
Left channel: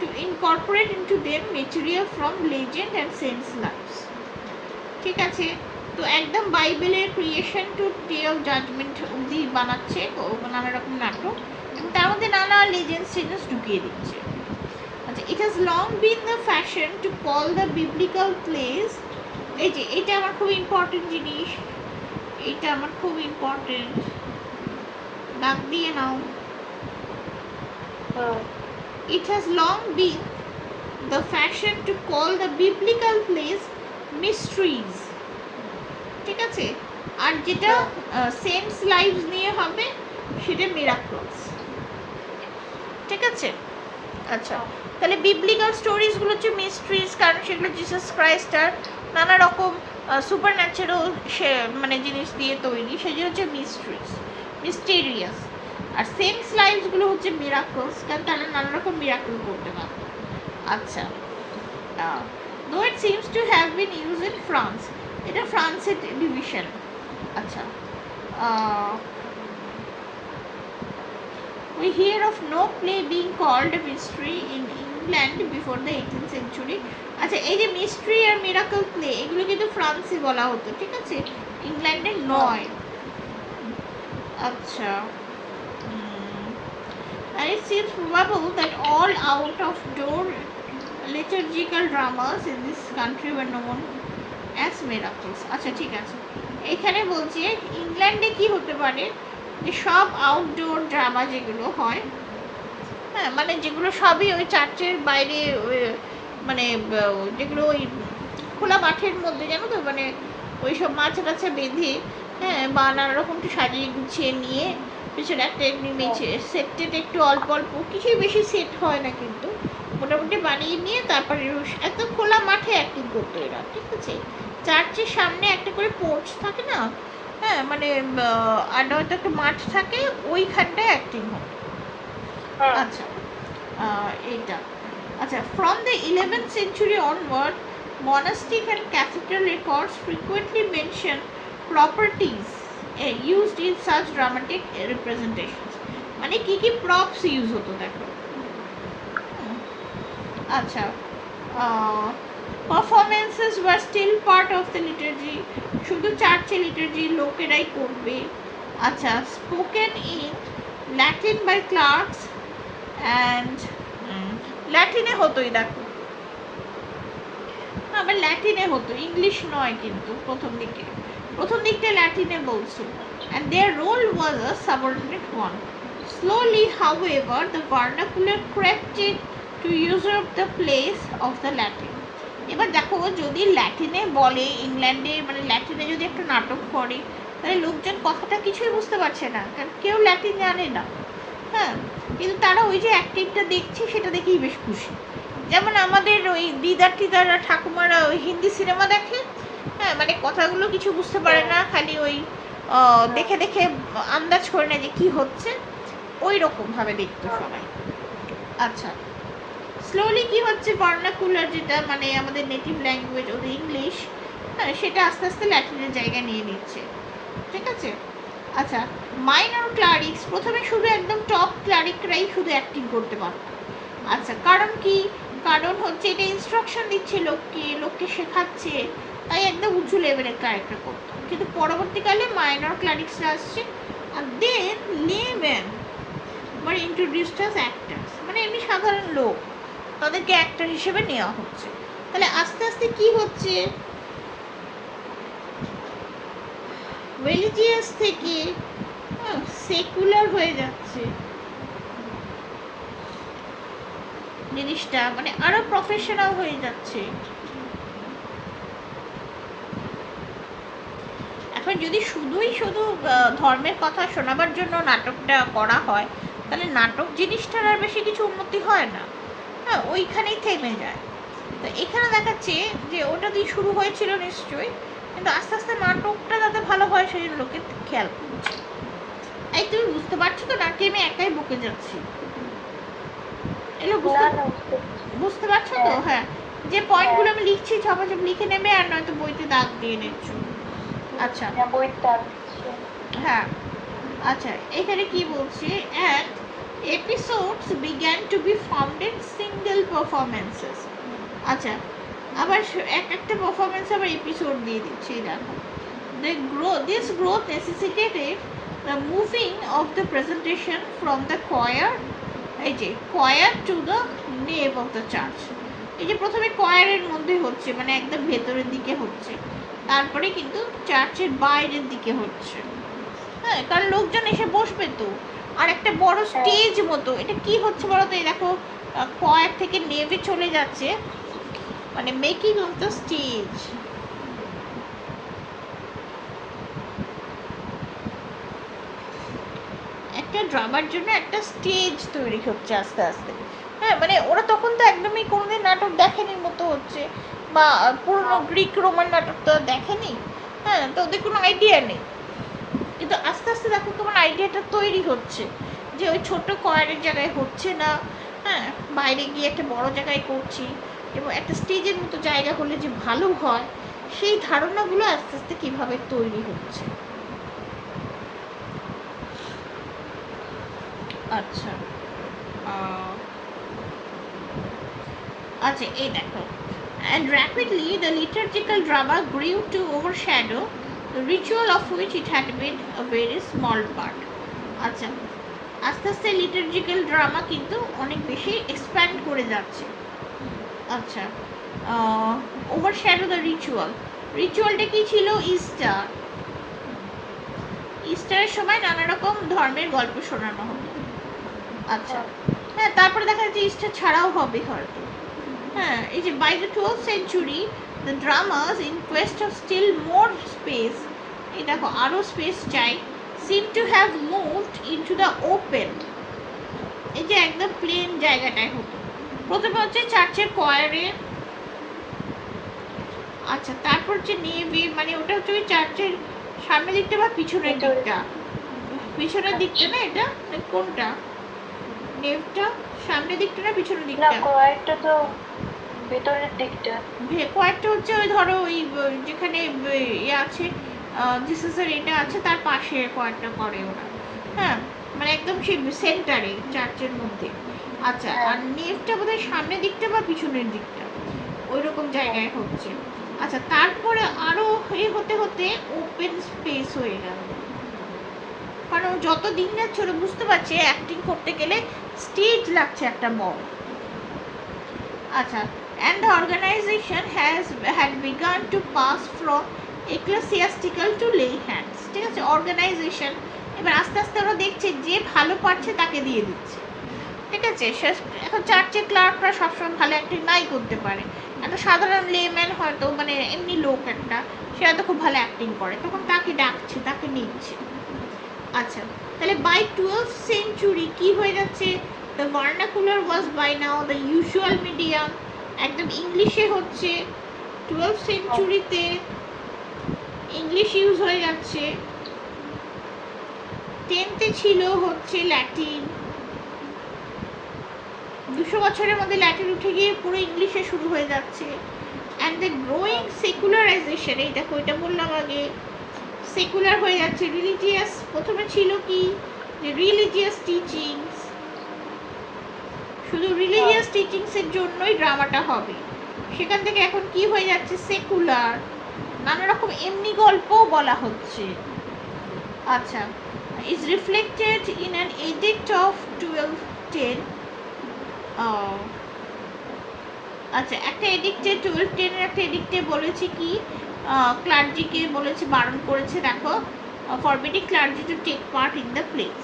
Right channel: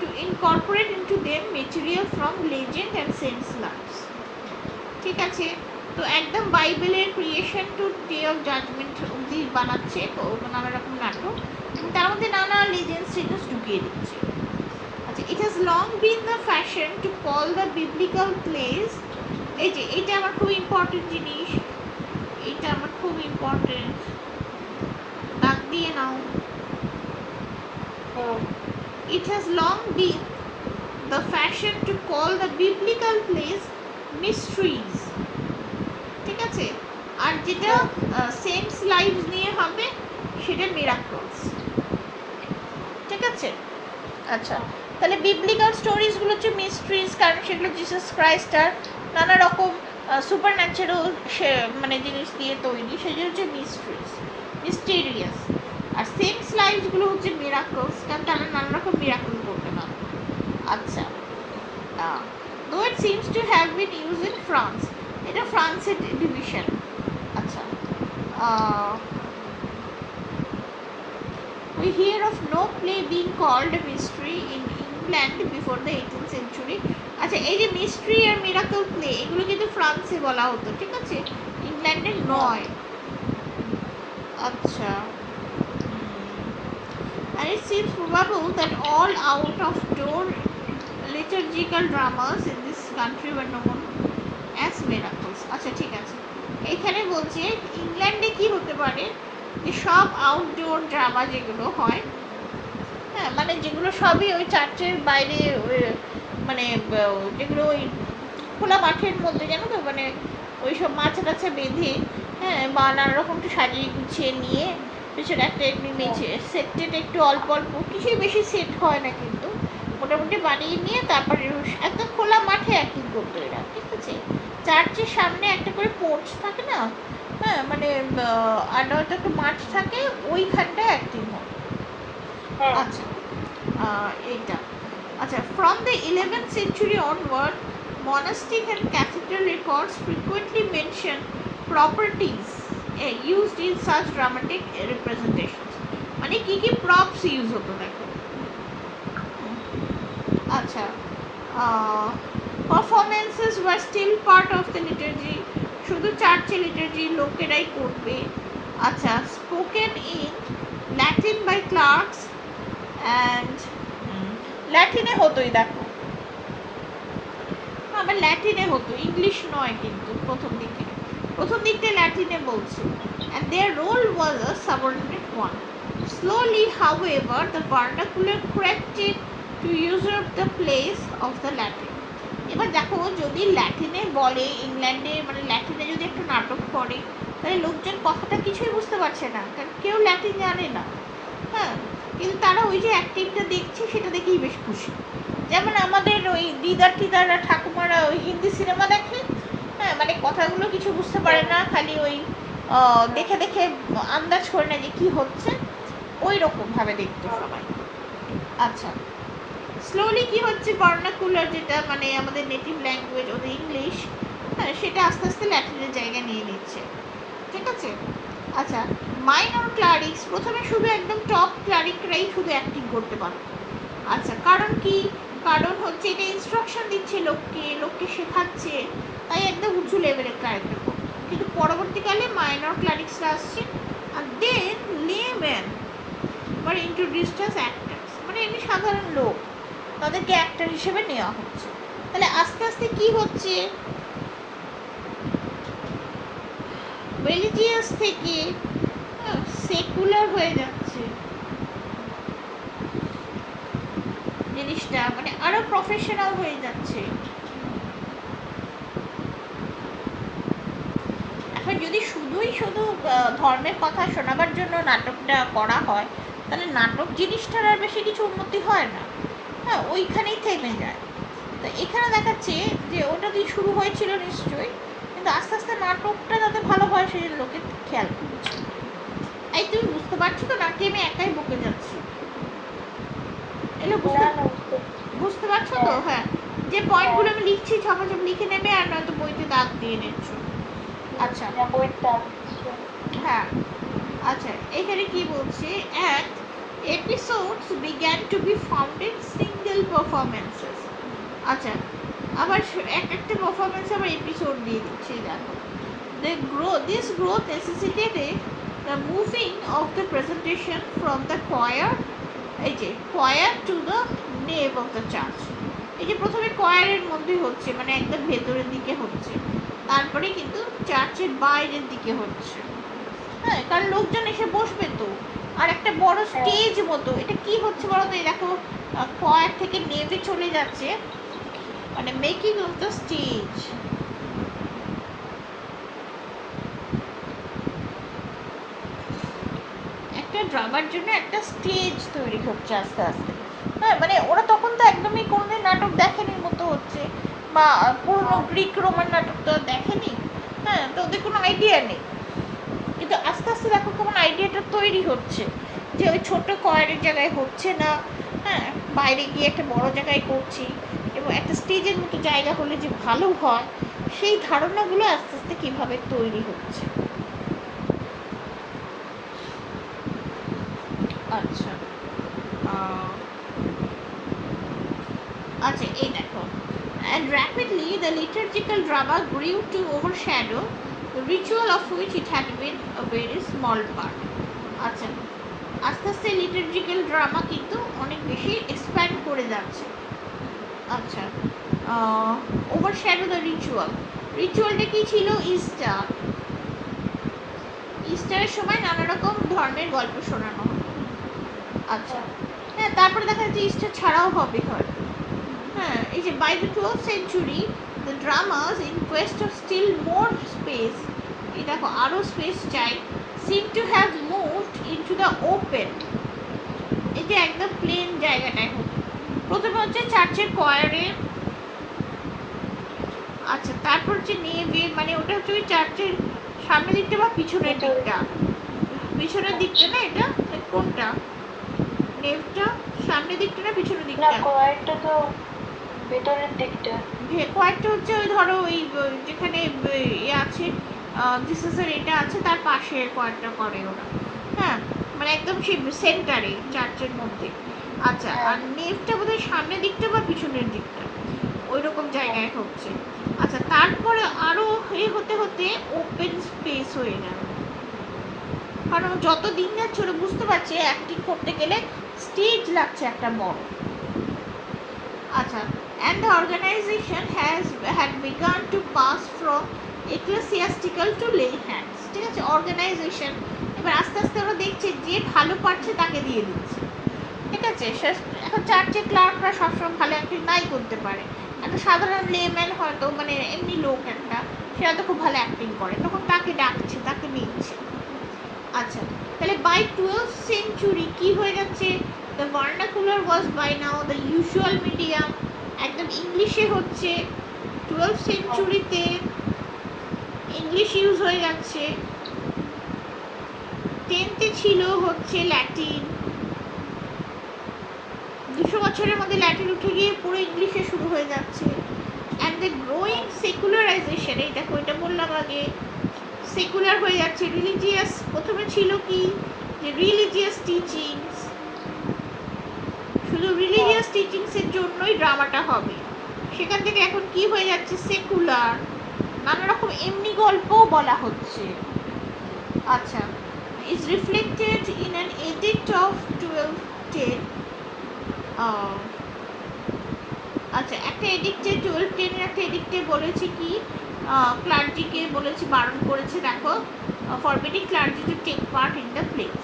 to incorporate into them material from legend and saints' lives। ঠিক আছে, তো একদম বাইবেলের creation to day of judgement অবধি বানাচ্ছে নানা রকম নাটক, তার মধ্যে নানা লেজেন্ডস ঢুকিয়ে দিচ্ছে। আচ্ছা, it has long been the fashion to call the biblical place, এই যে এটা আমার খুব ইম্পর্টেন্ট জিনিস, এটা আমার খুব ইম্পর্টেন্ট, দাগ দিয়ে নাও। It has long been the fashion to call the biblical plays mysteries। ঠিক আছে, আর যেটা সেন্টস লাইভস নিয়ে হবে সেটা মিরাকলস। ঠিক আছে, আচ্ছা, তাহলে বিবলিক্যাল স্টোরিজগুলো হচ্ছে মিস্ট্রিজ, কারণ সেগুলো জিসাস ক্রাইস্ট আর নানা রকম সুপার ন্যাচারাল মানে জিনিস দিয়ে তৈরি, সেগুলো হচ্ছে মিস্টেরিয়াস। আর সেন্টস লাইভসগুলো হচ্ছে মিরাকলস, কারণ তারা নানা রকম মিরাকল করতে পারে। আচ্ছা, দো it seems to have been use in France, এটা ফ্রান্সের ডিভিশন। আচ্ছা, we hear of no play being called a mystery in England before the 18th century। আচ্ছা, এই যে মিস্ট্রি আর মিরাকল প্লে এগুলো কিন্তু ফ্রান্সে বলা হতো, ঠিক আছে, ইংল্যান্ডে নয়। আচ্ছা, and it seems probable that all out-of-door liturgical dramas in this country were known as miracles। আচ্ছা, ঠিক আছে, এখানে বলছে ইংল্যান্ডে কি হতে পারে, যে সব আউটডোর ড্রামা যেগুলো হয়, হ্যাঁ, মানে যেগুলো সবই ওই চার্চের বাইরে, মানে যেগুলো ওই খোলা মাঠের মধ্যে, জানো তো, মানে ওই সব মাছা টাছা বেঁধে, হ্যাঁ, বা নানা রকম একটু সাজিয়ে গুছিয়ে নিয়ে পিছনে একটা সেট টেট একটু অল্প অল্প, কিছুই বেশি সেট হয় না, কিন্তু মোটামুটি বানিয়ে নিয়ে তারপরে একদম খোলা মাঠে অ্যাক্টিং করতো এরা। ঠিক আছে, চার্চের সামনে একটা করে পোর্চ থাকে না, হ্যাঁ, মানে আর হয়তো একটা মাঠ থাকে, ওইখানটায় অ্যাক্টিং হয়। আচ্ছা, এইটা। আচ্ছা, from the 11th century onward, monastic and cathedral records frequently mention properties used in such dramatic representations। মানে কি কি প্রপস ইউজ হতো দেখো। আচ্ছা, performances were still part of the liturgy, শুধু চার্চে লিটার্জি লোকেরাই করবে। আচ্ছা, spoken in Latin by clerks and, ল্যাটিনে হতোই দেখো, আমার ল্যাটিনে হতো, ইংলিশ নয় কিন্তু প্রথম দিকটা ল্যাটিনে বলছিল, and their role was a subordinate one। Slowly, however, the vernacular crept to usurp the place of the Latin। এবার দেখো, যদি ল্যাটিনে বলে ইংল্যান্ডে, মানে ল্যাটিনে যদি একটা নাটক করে, তাহলে লোকজন কথাটা কিছুই বুঝতে পারছে না, কারণ কেউ ল্যাটিন জানে না, হ্যাঁ, কিন্তু তারা ওই যে অ্যাক্টিংটা দেখছে সেটা দেখেই বেশ খুশি। যেমন আমাদের ওই দিদার টিদাররা ঠাকুমারা ওই হিন্দি সিনেমা দেখে, হ্যাঁ, মানে কথাগুলো কিছু বুঝতে পারে না, খালি ওই দেখে দেখে আন্দাজ করে না যে কী হচ্ছে, ওই রকমভাবে দেখতো সবাই। আচ্ছা, স্লোলি কি হচ্ছে, ভার্নাকুলার যেটা মানে আমাদের নেটিভ ল্যাঙ্গুয়েজ ওদের ইংলিশ, হ্যাঁ, সেটা আস্তে আস্তে ল্যাটিনের জায়গা নিয়ে নিচ্ছে। ঠিক আছে, আচ্ছা, মাইনর ক্লারিক্স প্রথমে শুধু একদম টপ ক্লারিকরাই শুধু অ্যাক্টিং করতে পারত। আচ্ছা, কারণ কি? কারণ হচ্ছে এটা ইনস্ট্রাকশন দিচ্ছে লোককে, লোককে শেখাচ্ছে, তাই একদম উঁচু লেভেলের ক্যারেক্টার করতো। কিন্তু পরবর্তীকালে মাইনর ক্লারিক্সরা আসছে, আর দেন লেম্যান মানে ইন্ট্রোডিউসড অ্যাজ অ্যাক্টার্স, মানে এমনি সাধারণ লোক, তাদেরকে অ্যাক্টর হিসেবে নেওয়া হচ্ছে। তাহলে আস্তে আস্তে কি হচ্ছে, রিলিজিয়াস থেকে সেকুলার হয়ে যাচ্ছে জিনিসটা, মানে আরো প্রফেশনাল হয়ে যাচ্ছে। এখন যদি শুধুই শুধু ধর্মের কথা শোনাবার জন্য নাটকটা করা হয়, তাহলে নাটক জিনিসটার আর বেশি কিছু উন্নতি হয় না, হ্যাঁ, ওইখানেই থেমে যায়। তো এখানে দেখাচ্ছে যে ওটা দিয়ে শুরু হয়েছিল নিশ্চয়ই, কিন্তু আস্তে আস্তে নাটকটা যাতে ভালো হয় সেই জন্য লোকে খেয়াল করছে। এই তুমি বুঝতে পারছো তো নাকি আমি একাই বকে যাচ্ছি? এগুলো বুঝতে পারছো তো? হ্যাঁ, যে পয়েন্টগুলো আমি লিখছি ঝপাঝপ লিখে নেবে, আর নয়তো বইতে দাগ দিয়ে নিচ্ছ। আচ্ছা, হ্যাঁ, আচ্ছা, এখানে কি বলছে, and episodes began to be founded single performances. আচ্ছা, আবার একটা পারফরমেন্স আবার এপিসোড দিয়ে দিচ্ছি, দেখো। This growth necessitated the moving of the presentation from the choir to the nave of the church. এই যে প্রথমে choir-এর মধ্যে হচ্ছে, মানে একদম ভেতরের দিকে হচ্ছে, তারপরে কিন্তু চার্চের বাইরের দিকে হচ্ছে, হ্যাঁ, কারণ লোকজন এসে বসবে তো। আর একটা বড় স্টেজ মতো, এটা কি হচ্ছে বলো তো? এই দেখো, choir থেকে নেভে চলে যাচ্ছে, মানে মেকিং অফ দ্য স্টেজ। একটা ড্রামার জন্য একটা স্টেজ তৈরি হচ্ছে আস্তে আস্তে, হ্যাঁ, মানে ওরা তখন তো একদমই কোনোদিন নাটক দেখেনি মতো হচ্ছে, বা পুরনো গ্রিক রোমান নাটক তো দেখেনি, হ্যাঁ, তো ওদের কোনো আইডিয়া নেই। কিন্তু আস্তে আস্তে দেখো কেমন আইডিয়াটা তৈরি হচ্ছে, যে ওই ছোট কয়ারের জায়গায় হচ্ছে না, হ্যাঁ, বাইরে গিয়ে একটা বড় জায়গায় করছি, এবং একটা স্টেজের মতো জায়গা হলে যে ভালো হয়, সেই ধারণাগুলো আস্তে আস্তে কীভাবে তৈরি হচ্ছে। আচ্ছা, আচ্ছা, এই দেখো, and rapidly the liturgical drama grew to overshadow the ritual of which it had been a very small part. আচ্ছা, আস্তে আস্তে লিটার্জিক্যাল ড্রামা কিন্তু অনেক বেশি এক্সপ্যান্ড করে যাচ্ছে। আচ্ছা, ওভারশ্যাডো দ্য রিচুয়ালটা কি ছিল? ইস্টারের সময় নানা রকম ধর্মের গল্প শোনানো হতো। আচ্ছা, হ্যাঁ, তারপরে দেখা যাচ্ছে ইস্টার ছাড়াও হবে হয়তো, হ্যাঁ, এই যে by the 12th century the dramas in quest of still more space, এই দেখো আরো স্পেস চাই, seem to have moved into the open, এই যে একদম প্লেন জায়গাটায় হতো। প্রথমে হচ্ছে চার্চের কোয়ারে, আচ্ছা, তারপর হচ্ছে নেভে, মানে ওটা হচ্ছে চার্চের সামনের দিকটা বা পিছনের দিকটা? পিছনের দিকটা না, এটা কোনটা? নেভটা সামনের দিকটা না পিছনের দিকটা? কোয়ারটা তো ভেতরের দিকটা। কোয়ারটা হচ্ছে ওই ধরো ওই যেখানে ইয়ে আছে, জিসাসের এটা আছে, তার পাশে কোয়ারটা করে ওরা, হ্যাঁ, মানে একদম সেই সেন্টারে চার্চের মধ্যে। আচ্ছা, আর নেভটা বোধহয় সামনের দিকটা বা পিছনের দিকটা, ওই রকম জায়গায় হচ্ছে। আচ্ছা, তারপরে আরো হতে হতে ওপেন স্পেস হয়ে গেল, কারণ যত দিন যাচ্ছে ওরা বুঝতে পারছে অ্যাক্টিং করতে গেলে স্টেজ লাগছে একটা বড়। আচ্ছা, and the organization had begun to pass from ecclesiastical to lay hands, ঠিক আছে? অর্গানাইজেশন এবার আস্তে আস্তে ওরা দেখছে যে ভালো পারছে তাকে দিয়ে দিচ্ছে, ঠিক আছে? এখন চার্চের ক্লার্করা সবসময় ভালো অ্যাক্টিং নাই করতে পারে, একটা সাধারণ লেম্যান হয়তো, মানে এমনি লোক একটা, সে হয়তো খুব ভালো অ্যাক্টিং করে, তখন তাকে ডাকছে, তাকে নিচ্ছে। আচ্ছা, তাহলে বাই 12th century কি হয়ে যাচ্ছে? The vernacular was by now the usual medium, একদম ইংলিশে হচ্ছে। 12th century-তে ইংলিশ ইউজ হয়ে যাচ্ছে। 10th-এ ছিল হচ্ছে ল্যাটিন, 200 বছরের মধ্যে ল্যাটিন উঠে গিয়ে পুরো ইংলিশে শুরু হয়ে যাচ্ছে। অ্যান্ড দ্য গ্রোয়িং সেকুলারাইজেশন, এই দেখো এটা বললাম আগে, সেকুলার হয়ে যাচ্ছে, রিলিজিয়াস। প্রথমে ছিল কি যে রিলিজিয়াস টিচিংস, শুধু রিলিজিয়াস টিচিংসের জন্যই ড্রামাটা হবে, সেখান থেকে এখন কি হয়ে যাচ্ছে সেকুলার, নানা রকম এমনি গল্পও বলা হচ্ছে। আচ্ছা, is reflected in an edict of 1210. আচ্ছা, একটা এডিক্টে 1210 এর একটা এডিক্টে বলেছে কি, ক্লার্জিকে বলেছে, বারণ করেছে, দেখো, forbidding clergy to take part in the place.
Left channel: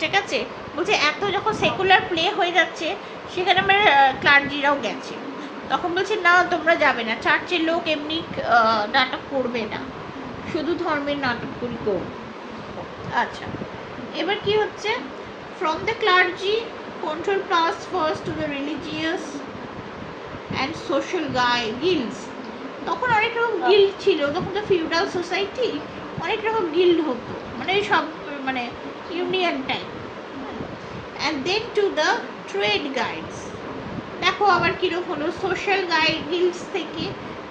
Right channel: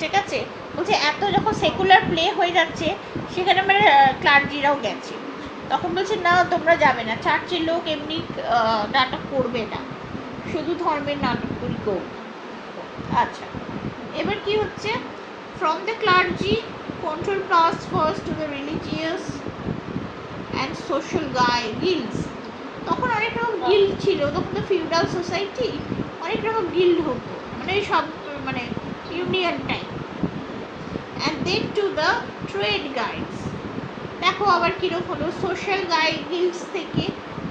ঠিক আছে, বলছে এত যখন সেকুলার প্লে হয়ে যাচ্ছে সেখানে আমার ক্লার্জিরাও গেছে, তখন বলছে না তোমরা যাবে না, চার্চের লোক এমনি নাটক করবে না, শুধু ধর্মের নাটকগুলি করবে। আচ্ছা, এবার কি হচ্ছে, from the clergy control pass first to the religious and social Guilds. তখন অনেক রকম গিল্ড ছিল, তখন তো ফিউডাল সোসাইটি, অনেক রকম গিল্ড হতো, মানে সব মানে union type. And then to the trade guilds. দেখো আবার কীরকম হলো, সোশ্যাল গিল্ডস থেকে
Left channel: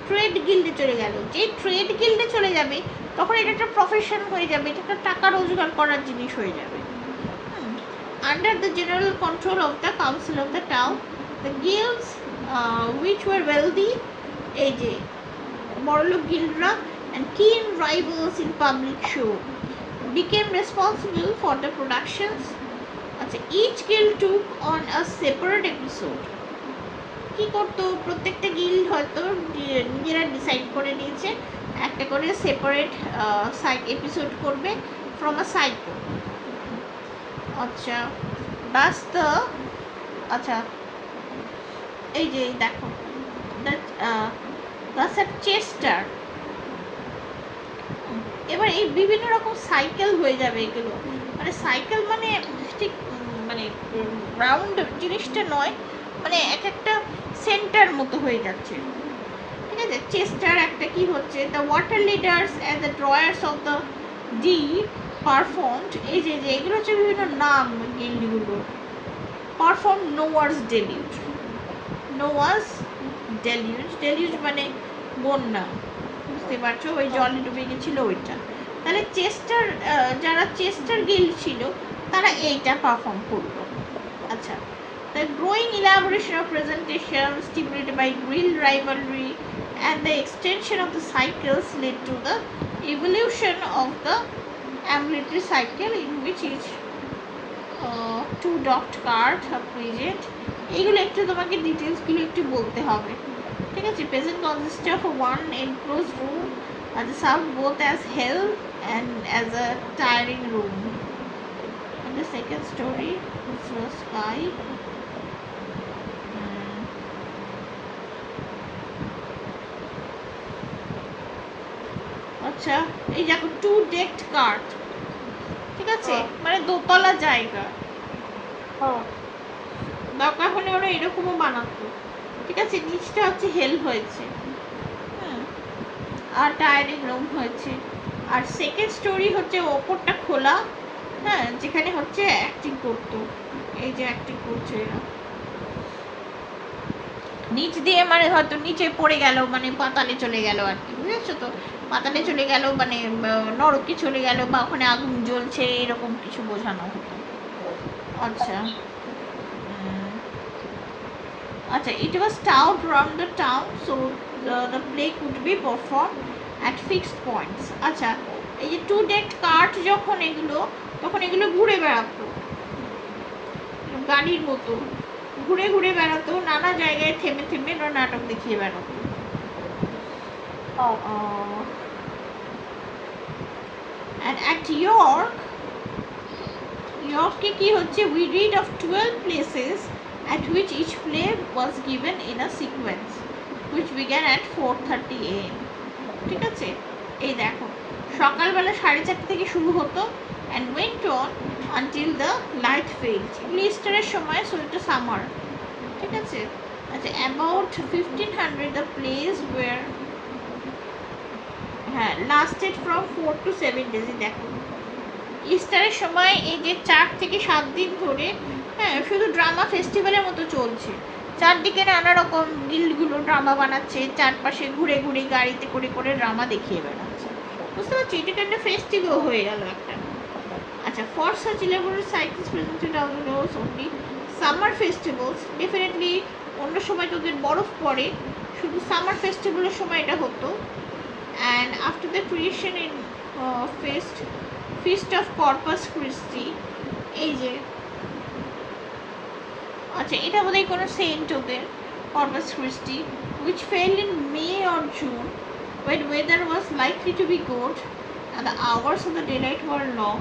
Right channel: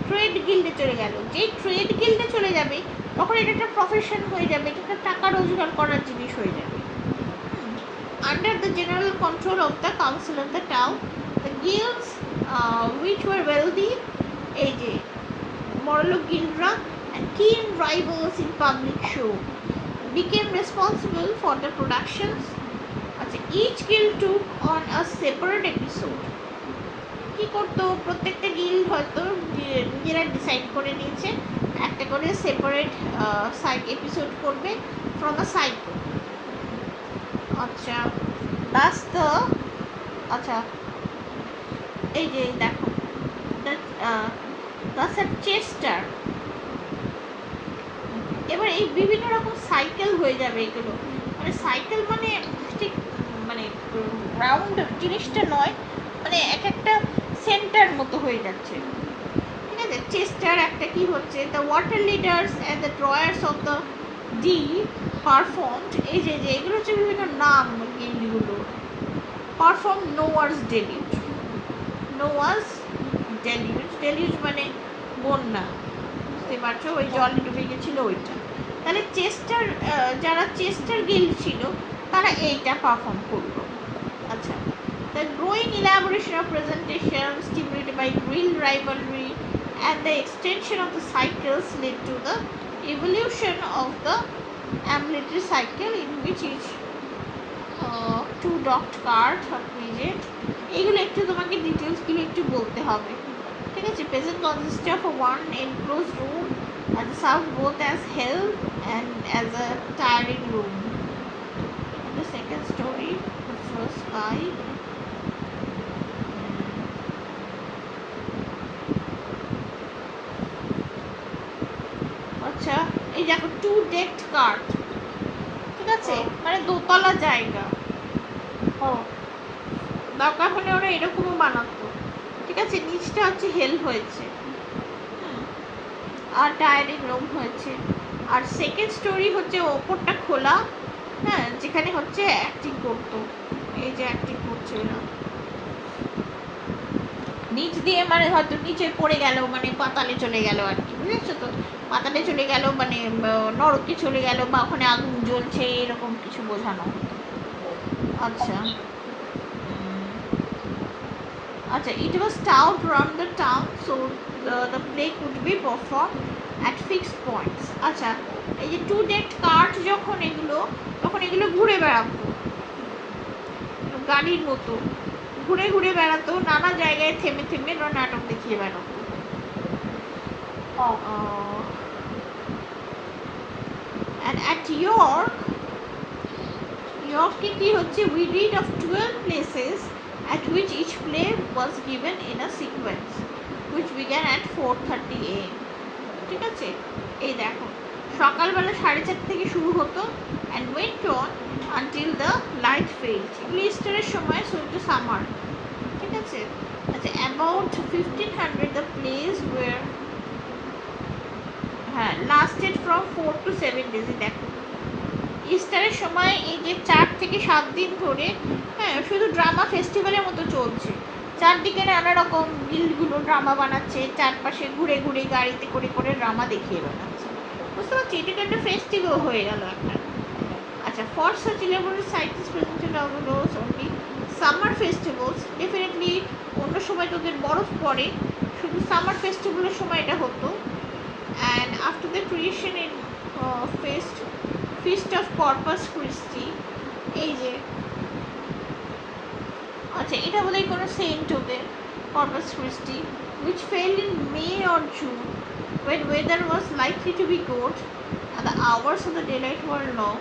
ট্রেড গিল্ডে চলে গেল। যে ট্রেড গিল্ডে চলে যাবে তখন এটা একটা প্রফেশন হয়ে যাবে, এটা একটা টাকা রোজগার করার জিনিস হয়ে যাবে। Under the general control of the council of the town, the Guilds which were wealthy, এই যে বড়লোক গিল্ডরা, and keen rivals in public show became responsible for the productions. আচ্ছা, each guild took on a separate episode. কি করতো, প্রত্যেকটা guild হয়তো নিজেরা decide করে নিয়েছে একটা করে সেপারেট সাইড এপিসোড করবে ফ্রম আ সাইকেল। আচ্ছা, বাস দ্য, আচ্ছা এই যে দেখো চেস্টার, এবার এই বিভিন্ন রকম সাইকেল হয়ে যাবে এগুলো, মানে সাইকেল মানে ঠিক মানে রাউন্ড জিনিসটা নয়, মানে এক একটা সেন্টার মতো হয়ে যাচ্ছে। ঠিক আছে, চেস্টার একটা কি হচ্ছে, the water leaders and the drawers of the D performed, এই যে এগুলো হচ্ছে বিভিন্ন নাম গিল্ডগুলো, পারফর্ম নোয়ার্স ডেলিউজ। নোয়ার্স ডেলিউজ, ডেলিউজ মানে বন্যা, বুঝতে পারছো, ওই জল ডুবে গেছিলো ওইটা। তাহলে চেস্টার, যারা চেস্টার গিল্ড ছিল তারা এইটা পারফর্ম করলো। আচ্ছা, the growing elaboration of presentation stimulated by guild rivalry and the extension of the cycles led to the evolution of the ambulatory cycle, in which each two docked cart are present. এইগুলো একটু তোমাকে ডিটেলসগুলো একটু বলতে হবে। ঠিক আছে, present consist of one enclose room as a served both as hell and as a tiring room. And the second story was sky. আচ্ছা, এই দেখো টু ডেকড কার্ট, ঠিক আছে, মানে দোতলা জায়গা, দরকার হলে ওরা এরকমও বানাতো। ঠিক আছে, নিচটা হচ্ছে হেল হয়েছে, আর টায়ারিং রুম হয়েছে। আর সেকেন্ড স্টোরি হচ্ছে ওপরটা খোলা, হ্যাঁ, যেখানে হচ্ছে অ্যাক্টিং করতো, এই যে অ্যাক্টিং করছে এরা, নিচ দিয়ে মানে হয়তো নিচে পড়ে গেল, মানে পাতালে চলে গেল আর কি, বুঝেছো তো, পাতালে চলে গেল মানে নরকে চলে গেল, বা ওখানে আগুন জ্বলছে এরকম কিছু বোঝানো। আচ্ছা আচ্ছা, it was towed around the town so the play could be performed at fixed points. আচ্ছা, এই যে টু ডেট কার্ট যখন এগুলো, তখন এগুলো ঘুরে বেড়াতো গাড়ির মতো, ঘুরে ঘুরে বেড়াতো, নানা জায়গায় থেমে থেমে নাটক দেখিয়ে বেড়াতো। and at Yorkকে কি হচ্ছে, we read of 12 places at which each play was given in a sequence which began at 4:30 AM. ঠিক আছে, এই দেখো সকালবেলা 4:30 থেকে শুরু হতো and went on until the light failed. ইস্টারের সময়, so এটা সামার। ঠিক আছে, আচ্ছা, about 1500 the plays were lasted from 4 to 7 days. দেখো ইস্টারের সময় এই যে 4 থেকে 7 দিন ধরে, হ্যাঁ, শুধু ড্রামা ফেস্টিভ্যালের মতো চলছে, চারদিকে নানা রকম গিল্ডগুলো ড্রামা বানাচ্ছে, চারপাশে ঘুরে ঘুরে গাড়িতে করে করে ড্রামা দেখিয়ে বেড়াচ্ছে। বুঝতে পারছি, এটা একটা ফেস্টিভ্যাল হয়ে গেল একটা। আচ্ছা, for such elaborate cycles presented outdoors only summer festivals, definitely অন্য সময় তোদের বরফ পড়ে, শুধু সামার ফেস্টিভ্যালের সময় এটা হতো। And after the creation in feast of Corpus Christi, এই যে, আচ্ছা এটা বোধহয় কোনো সেন্ট ওদের, Corpus Christi, which fell in May or June when weather was likely to be good and the hours of the daylight were long.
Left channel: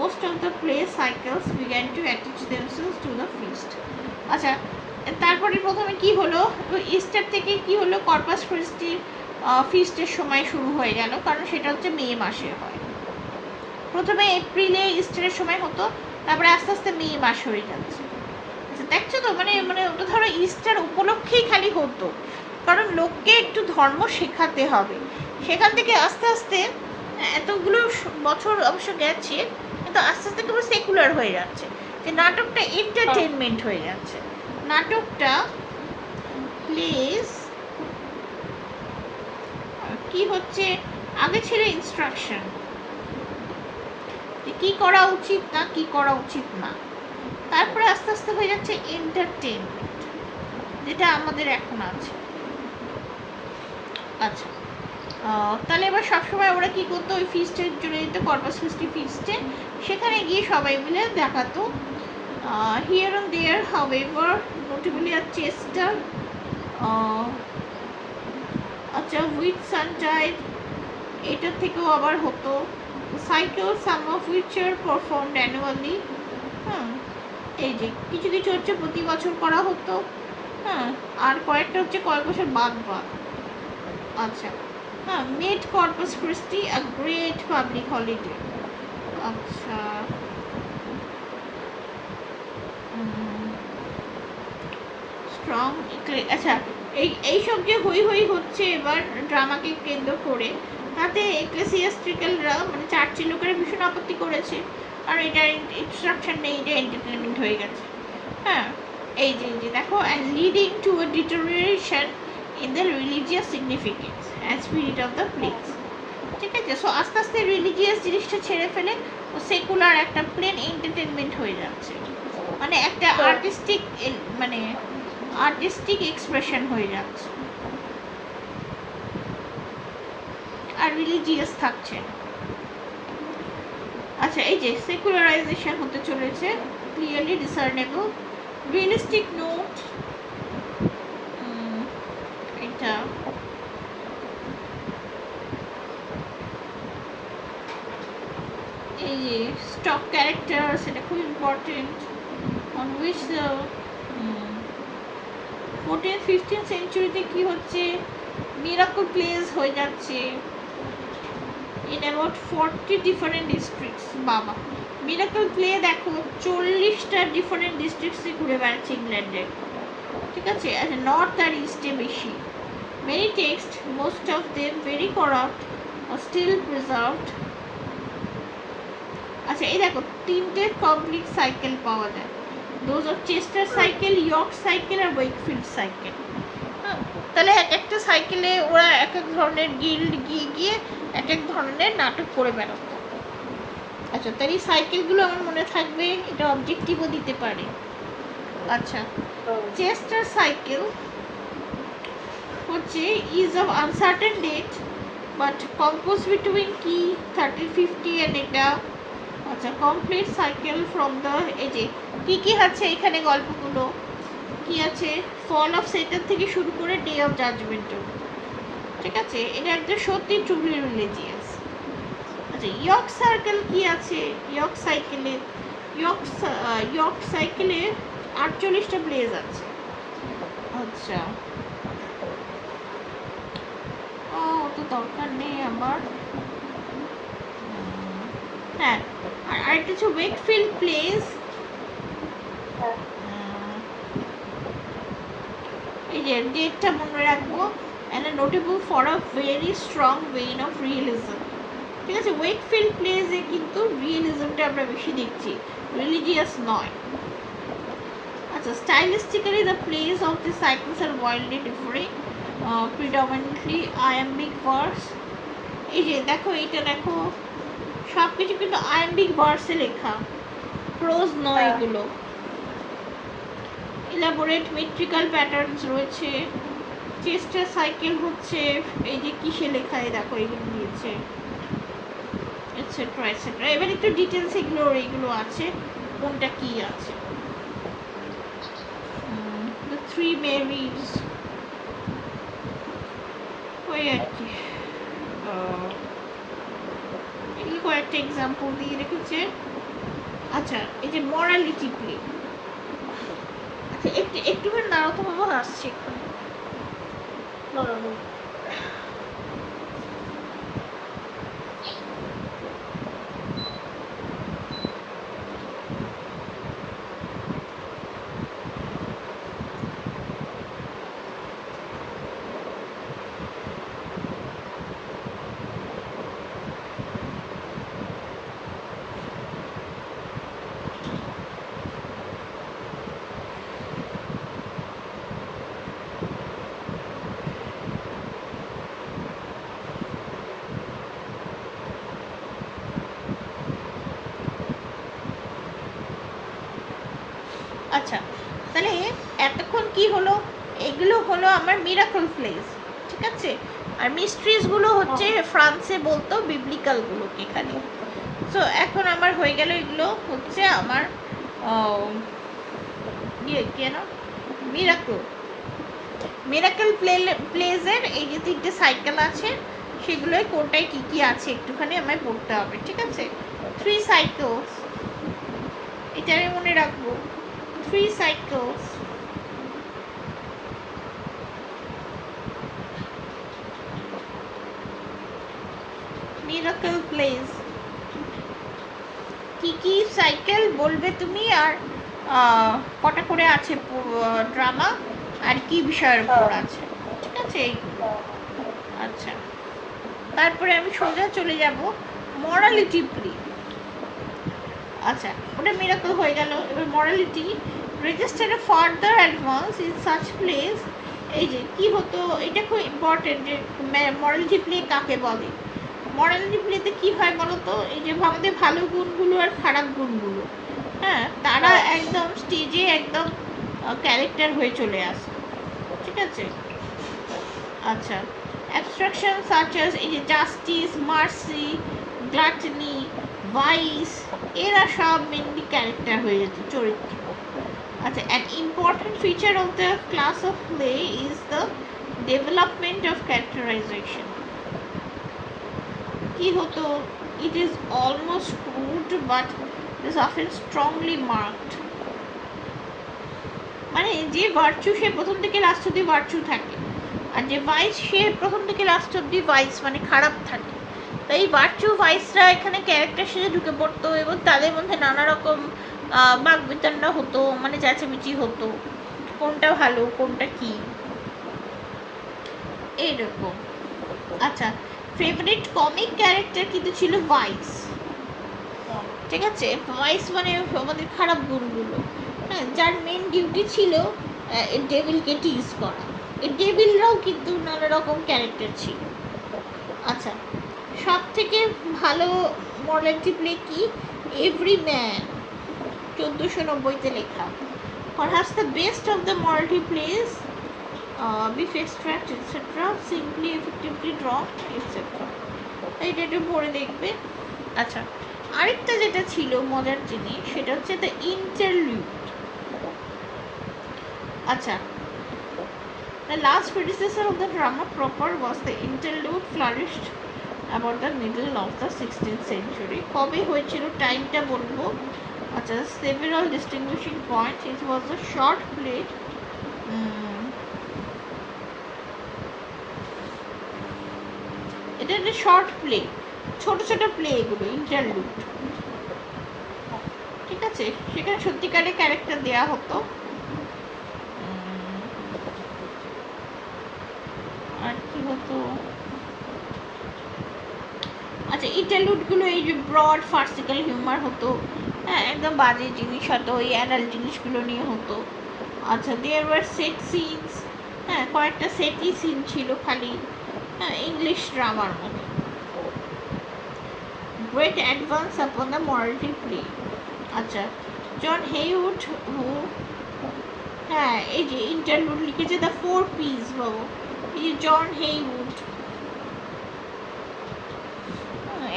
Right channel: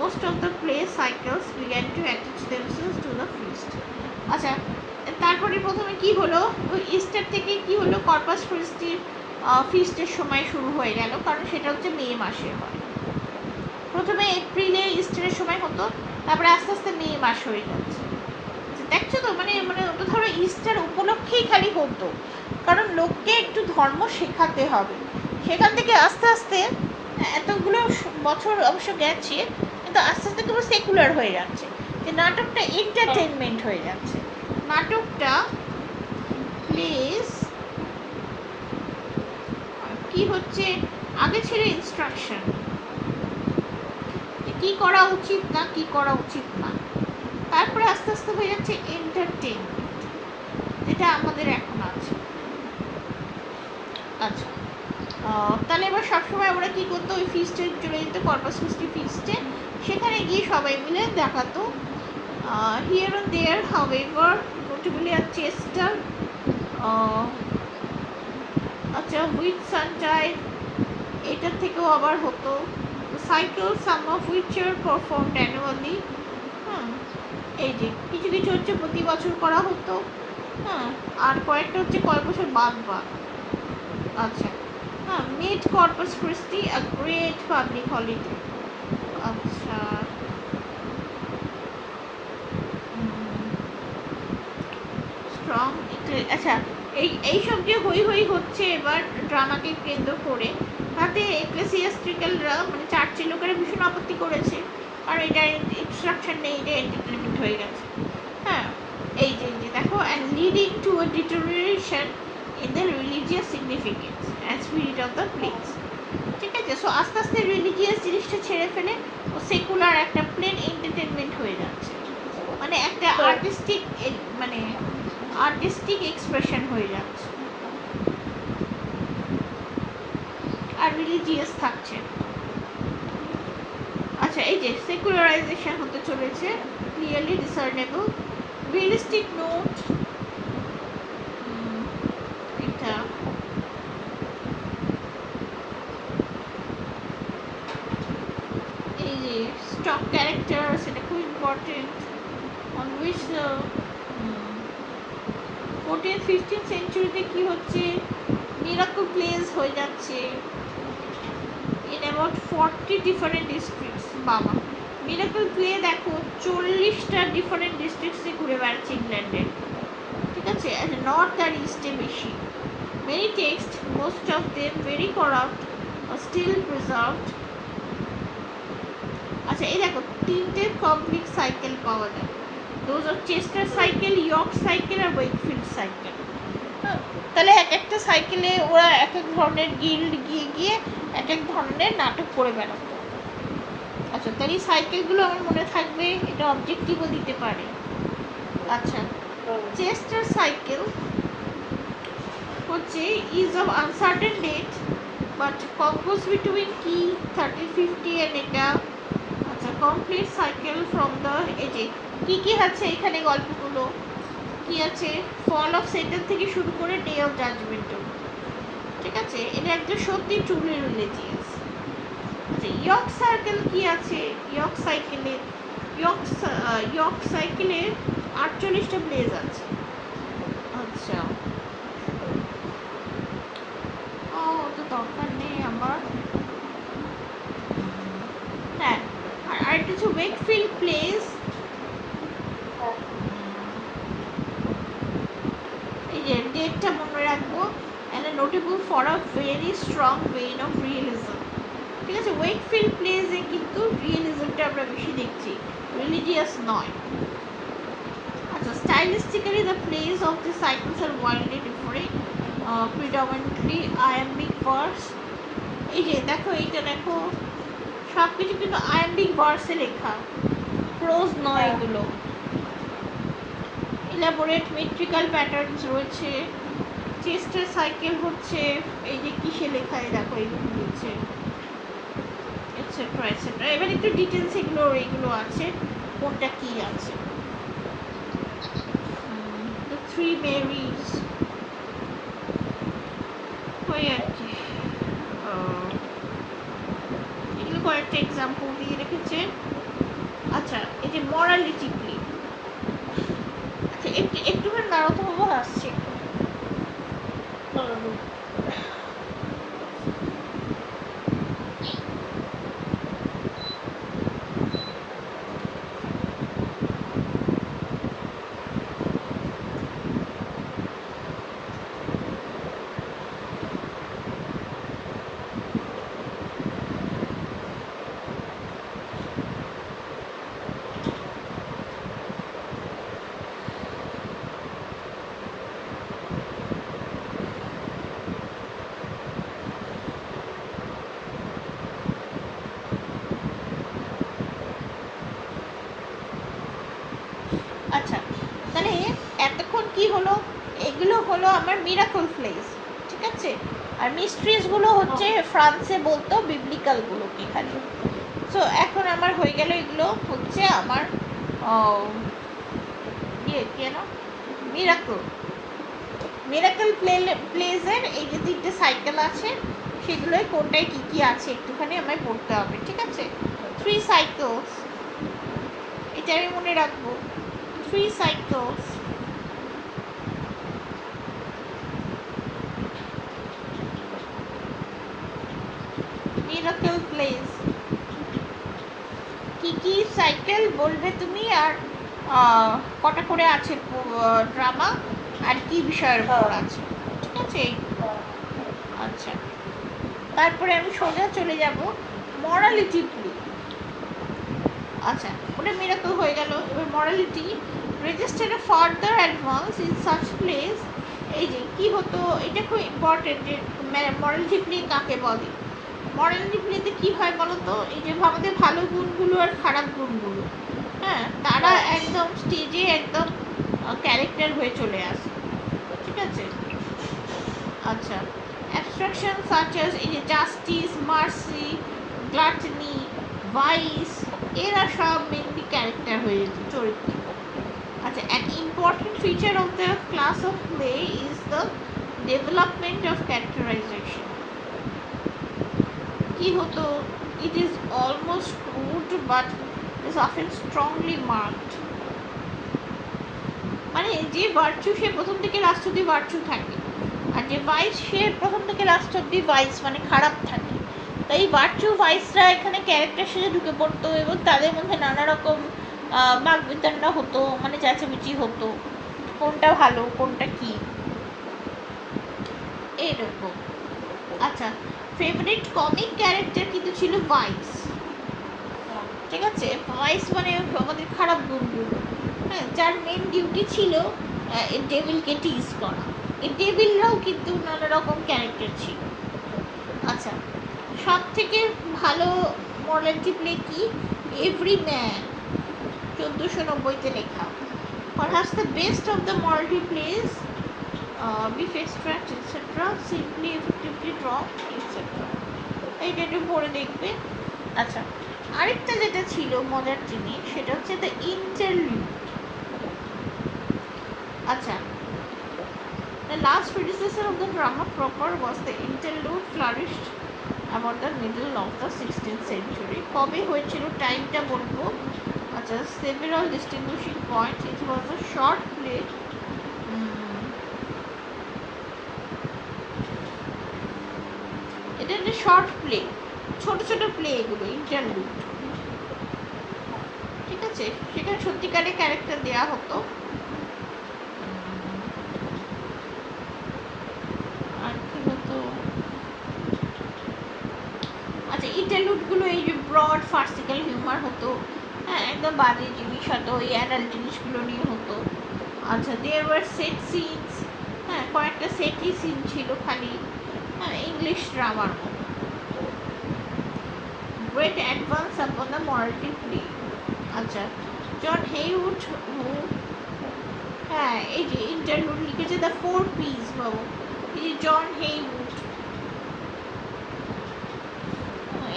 Most of the play cycles began to attach themselves to the feast. আচ্ছা, তারপরে প্রথমে কি হলো, Easter থেকে কি হলো, corpus ক্রিস্টির ফিস্টের সময় শুরু হয়ে গেল, কারণ সেটা হচ্ছে মে মাসে হয়। প্রথমে এপ্রিলে ইস্টারের সময় হতো, তারপরে আস্তে আস্তে মে মাস হয়ে যাচ্ছে। দেখছো তো, মানে মানে ওটা ধরো ইস্টার উপলক্ষেই খালি হতো, কারণ লোককে একটু ধর্ম শেখাতে হবে। সেখান থেকে আস্তে আস্তে এতগুলো বছর অবশ্য গেছে, কিন্তু আস্তে আস্তে কেবল সেকুলার হয়ে যাচ্ছে, যে নাটকটা এন্টারটেনমেন্ট হয়ে যাচ্ছে। নাটকটা প্লেস কি হচ্ছে, আগে ছিল ইনস্ট্রাকশন, কি করা উচিত না কি করা উচিত না, তারপরে আস্তে আস্তে হয়ে যাচ্ছে এন্টারটেনমেন্ট, যেটা আমাদের এখন আছে। আচ্ছা, তাহলে এবার সবসময় ওরা কী করতো, ওই ফিস্টে চলে যেত, কর্পাস ক্রিস্টি ফিস্টে, সেখানে গিয়ে সবাই মিলে দেখাতো। Here and there however, notably আর চেস্টার, আচ্ছা হুইচ সানটাইড, এটার থেকেও আবার হতো। Cycle some of which are performed annually, হ্যাঁ এই যে কিছু কিছু হচ্ছে প্রতি বছর করা হতো, হ্যাঁ, আর কয়েকটা হচ্ছে কয়েক বছর বাদ বাদ। আচ্ছা, হ্যাঁ, made Corpus Christi a great public holiday. আচ্ছা, স্ট্রং, আচ্ছা এইসব যে হই হই হচ্ছে এবার ড্রামাকে কেন্দ্র করে, তাতে এক্লেসিয়াস্ট্রিক্যালরা মানে চার্চের লোকেরা ভীষণ আপত্তি করেছে, কারণ এটার ইনস্ট্রাকশন নেই, এটা এন্টারটেনমেন্ট হয়ে গেছে। হ্যাঁ, এই যে দেখো, and leading to a deterioration in the religious significance and spirit of the place. ঠিক আছে, সো আস্তে আস্তে রিলিজিয়াস জিনিসটা ছেড়ে ফেলে সেকুলার একটা প্লেন এন্টারটেনমেন্ট হয়ে যাচ্ছে, মানে একটা আর্টিস্টিক, মানে আর্টিস্টিক এক্সপ্রেশন হয়ে যাচ্ছে, আর রিলিজিয়াস থাকছে। আচ্ছা, এই যে সেকুলারাইজেশন হতে চলেছে, ক্লিয়ারলি ডিসার্নেবল, রিয়েলিস্টিক নোট, এটা এই যে স্টক ক্যারেক্টার, সেটা খুব important, on which the 14th-15th সেঞ্চুরিতে কি হচ্ছে, মিরাকল প্লেস হয়ে যাচ্ছে ইন অ্যাবাউট 40 ডিফারেন্ট ডিস্ট্রিক্টস। বাবা, মিরাকল প্লে দেখো 40টা ডিফারেন্ট ডিস্ট্রিক্টসে ঘুরে বেড়াচ্ছে ইংল্যান্ডে, ঠিক আছে, নর্থ আর ইস্টে বেশি। Many texts, most of them very corrupt, still preserved. আচ্ছা, এই দেখো 3টে কমপ্লিট সাইকেল পাওয়া যায়, those of Chester cycle, York cycle আর ওয়েকফিল্ড সাইকেল। তাহলে এক একটা সাইকেলে ওরা এক এক ধরনের গিল্ড গিয়ে গিয়ে এক এক ধরনের নাটক করে বেড়াতো। আচ্ছা, তাহলে সাইকেলগুলো আমার মনে থাকবে, এটা অবজেক্টিভও দিতে পারে। আচ্ছা, চেস্টার সাইকেল হচ্ছে is of uncertain date but compose between কি 1350 অ্যান্ড এটা। আচ্ছা, কমপ্লিট সাইকেল ফ্রম দ্য, এই যে কী কী আছে এখানে গল্পগুলো, কি আছে, ফল অফ সেটান থেকে শুরু করে ডে অফ জাজমেন্ট, ঠিক আছে, এটা একদম সত্যি ট্রুলি রিলিজিয়াস। আচ্ছা, ইয়র্ক সার্কেল কি আছে, ইয়র্ক সাইকেলে, ইয়র্ক সাইকেলে 48টা প্লেস আছে। আচ্ছা, ও তো দরকার নেই আমার। হ্যাঁ, আর কিছু ওয়েকফিল্ড প্লেস, এই যে ডেটটা মনে রাখবো, and notable for a very strong vein of realism. ঠিক আছে, ওয়েকফিল্ড প্লেসে কিন্তু রিয়েলিজমটা আমরা বেশি দেখছি, রিলিজিয়াস নয়। আচ্ছা, stylistically the plays of the cycles are wildly differing, predominantly iambic verse. এই যে দেখো, এইটা দেখো, সব কিছু কিন্তু আইএমডি ভার্সে লেখা, প্রোজ নয় এগুলো। ইলাবোরেট মেট্রিক্যাল প্যাটার্নস রয়েছে, চেস্টার সাইকেল হচ্ছে এই যে কিসে লেখা, দেখো এগুলো রয়েছে, এটসেট্রা এটসেট্রা। এবার একটু ডিটেলস এগুলো আছে, কোনটা কি আছে। দ্য থ্রি মেরিজ, ওই আর কি। এই কয়েকটা এক্সাম্পল দিয়ে রেখেছে। আচ্ছা, এই যে মরালিটি প্লে, আচ্ছা একটুখানি দাঁড়াও তো বাবা, আসছে। আচ্ছা, তাহলে এতক্ষণ কি হলো, এগুলো হলো আমার মিরাকল প্লেস, ঠিক আছে। আর মিস্ট্রিজগুলো হচ্ছে ফ্রান্সে বলতো বিবলিক্যালগুলো এখানে। সো এখন আমার হয়ে গেল, এগুলো হচ্ছে আমার ইয়ে কেন মিরাকল। মিরাকল প্লেসের এই যে তিনটে সাইকেল আছে, সেগুলোই কোনটায় কী কী আছে একটুখানি আমায় পড়তে হবে, ঠিক আছে। 3 সাইকেলস, এটা আমি মনে রাখবো, 3 cycles, miracle plays, কি কি সাইকেল বলবে তুমি, আর কটা করে আছে ড্রামা, আর কি বিষয়ের উপর আছে, ঠিক আছে। আচ্ছা, তারপরে আমি সোজা চলে যাব মরালিটি প্লে। আচ্ছা, ওটা মিরাকল হয়ে গেল। এবার morality, register a further advance in such place. এই যে কি হতো, এটা খুব ইম্পর্টেন্ট যে মরালিটি প্লে কাকে বলে। মরালিটি প্লেতে কী হয় বলো তো, এই যে আমাদের ভালো গুণগুলো আর খারাপ গুণগুলো, হ্যাঁ, তারা একদম স্টেজে একদম ক্যারেক্টার হয়ে চলে আসে, ঠিক আছে। আচ্ছা, অ্যাবস্ট্রাকশন সাচ অ্যাজ এই যে জাস্টিস, মার্সি, গ্লাটনি, ভাইস, এরা সব মেনলি ক্যারেক্টার হয়ে যেত, চরিত্র। আচ্ছা, an important feature of the class of play is the development of characterization. কি হতো, it is almost crude but is often strongly marked. মানে যে ভার্চু সে প্রথম থেকে লাস্ট অব্দি ভার্চু থাকে, আর যে ভাইস সে প্রথম থেকে লাস্ট অব্দি ভাইস মানে খারাপ থাকে। তাই ভার্চু ভাইসরা এখানে ক্যারেক্টার সেজে ঢুকে পড়তো, এবং তাদের মধ্যে নানা রকম বাগবিতণ্ডা হতো, মানে চেঁচামেচি হতো, কোনটা ভালো কোনটা কি, এইরকম। আচ্ছা, ফেভারিট কমিক ক্যারেক্টার কিন্তু ছিল ভাইস, ঠিক আছে। ভাইস মানে আমাদের খারাপ গুণগুলো, হ্যাঁ, যার মেন ডিউটি ছিল এই ডেভিলকে টিজ করা। এই ডেভিলরাও কিন্তু নানা রকম ক্যারেক্টার ছিল। আচ্ছা, সব থেকে ভালো মরালিটি প্লে কি, এভরি ম্যান, 1490-তে লেখা। Perhaps the best of the morality plays, beef extract, etc., simply effectively draw, etc. এইটা একটু পড়ে দেখবে। আচ্ছা, আরেকটা যেটা ছিল মজার জিনিস, সেটা হচ্ছে দ্য ইন্টারলিউড। আচ্ছা, the last predecessor of the drama proper was the interlude, flourished about the middle of the 16th century. কবে হয়েছিল টাইমটা বলবো। আচ্ছা, several distinguishing points. It was a short play. এটা একটা শর্ট প্লে, ছোট ছোট প্লে এগুলো ইন্টারলুড, ঠিক আছে। সেখানে সত্যিকারের ক্যারেক্টার দেওয়া হতো। আর কি হতো, আচ্ছা, ইন্টারলুডগুলো এই যে ব্রড ফার্সিক্যাল হিউমার হতো, হ্যাঁ, একদম বাজে জিনিস হতো, ওই অ্যাডাল্ট জিনিসগুলো নিয়ে হতো। আচ্ছা, দেয়ার ওয়ার সেট সিনস, হ্যাঁ, কয়েকটা সেটই সিন ছিল খালি, হ্যাঁ, ইংলিশ ড্রামার মতো। great advance upon the morality play. আচ্ছা, জন হেইউড হু, হ্যাঁ এই যে ইন্টারলুড লিখেছে দ্য 4 P's বাবু, এই যে জন হেইউড,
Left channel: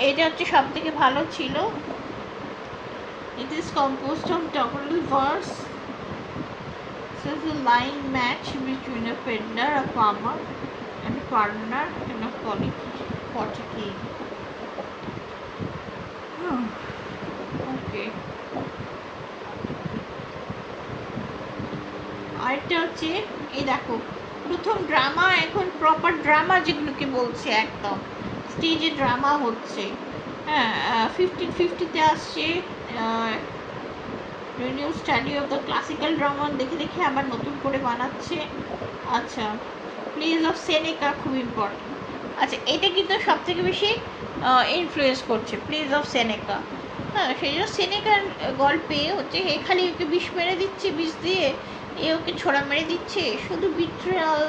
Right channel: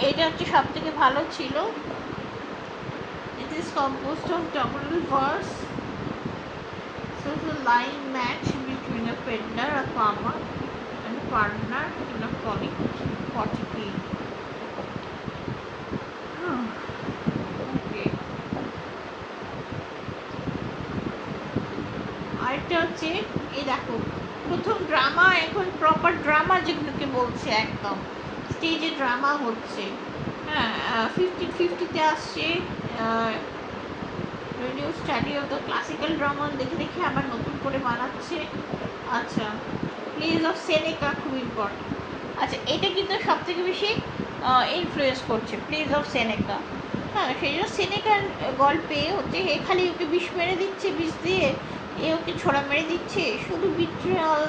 এটা হচ্ছে সব থেকে ভালো ছিল। It is composed of double verse, so it's a line match between a peddler, a farmer, and a partner in a quantity. Okay. আরেকটা হচ্ছে এই দেখো, প্রথম ড্রামা, এখন প্রপার ড্রামা যেগুলোকে বলছে, একদম স্টেজে ড্রামা হচ্ছে, হ্যাঁ 1550-তে আসছে। New study of the classical drama দেখে দেখে আবার নতুন করে বানাচ্ছে। আচ্ছা, প্লেস অফ সেনেকা খুব ইম্পর্টেন্ট। আচ্ছা, এটা কিন্তু সব থেকে বেশি ইনফ্লুয়েন্স করছে প্লেস অফ সেনেকা। হ্যাঁ, সেই জন্য সেনেকার গল্পে হচ্ছে এ খালি ওকে বিষ মেরে দিচ্ছে, বিষ দিয়ে এ ওকে ছোড়া মেরে দিচ্ছে, শুধু বিট্রিয়াল,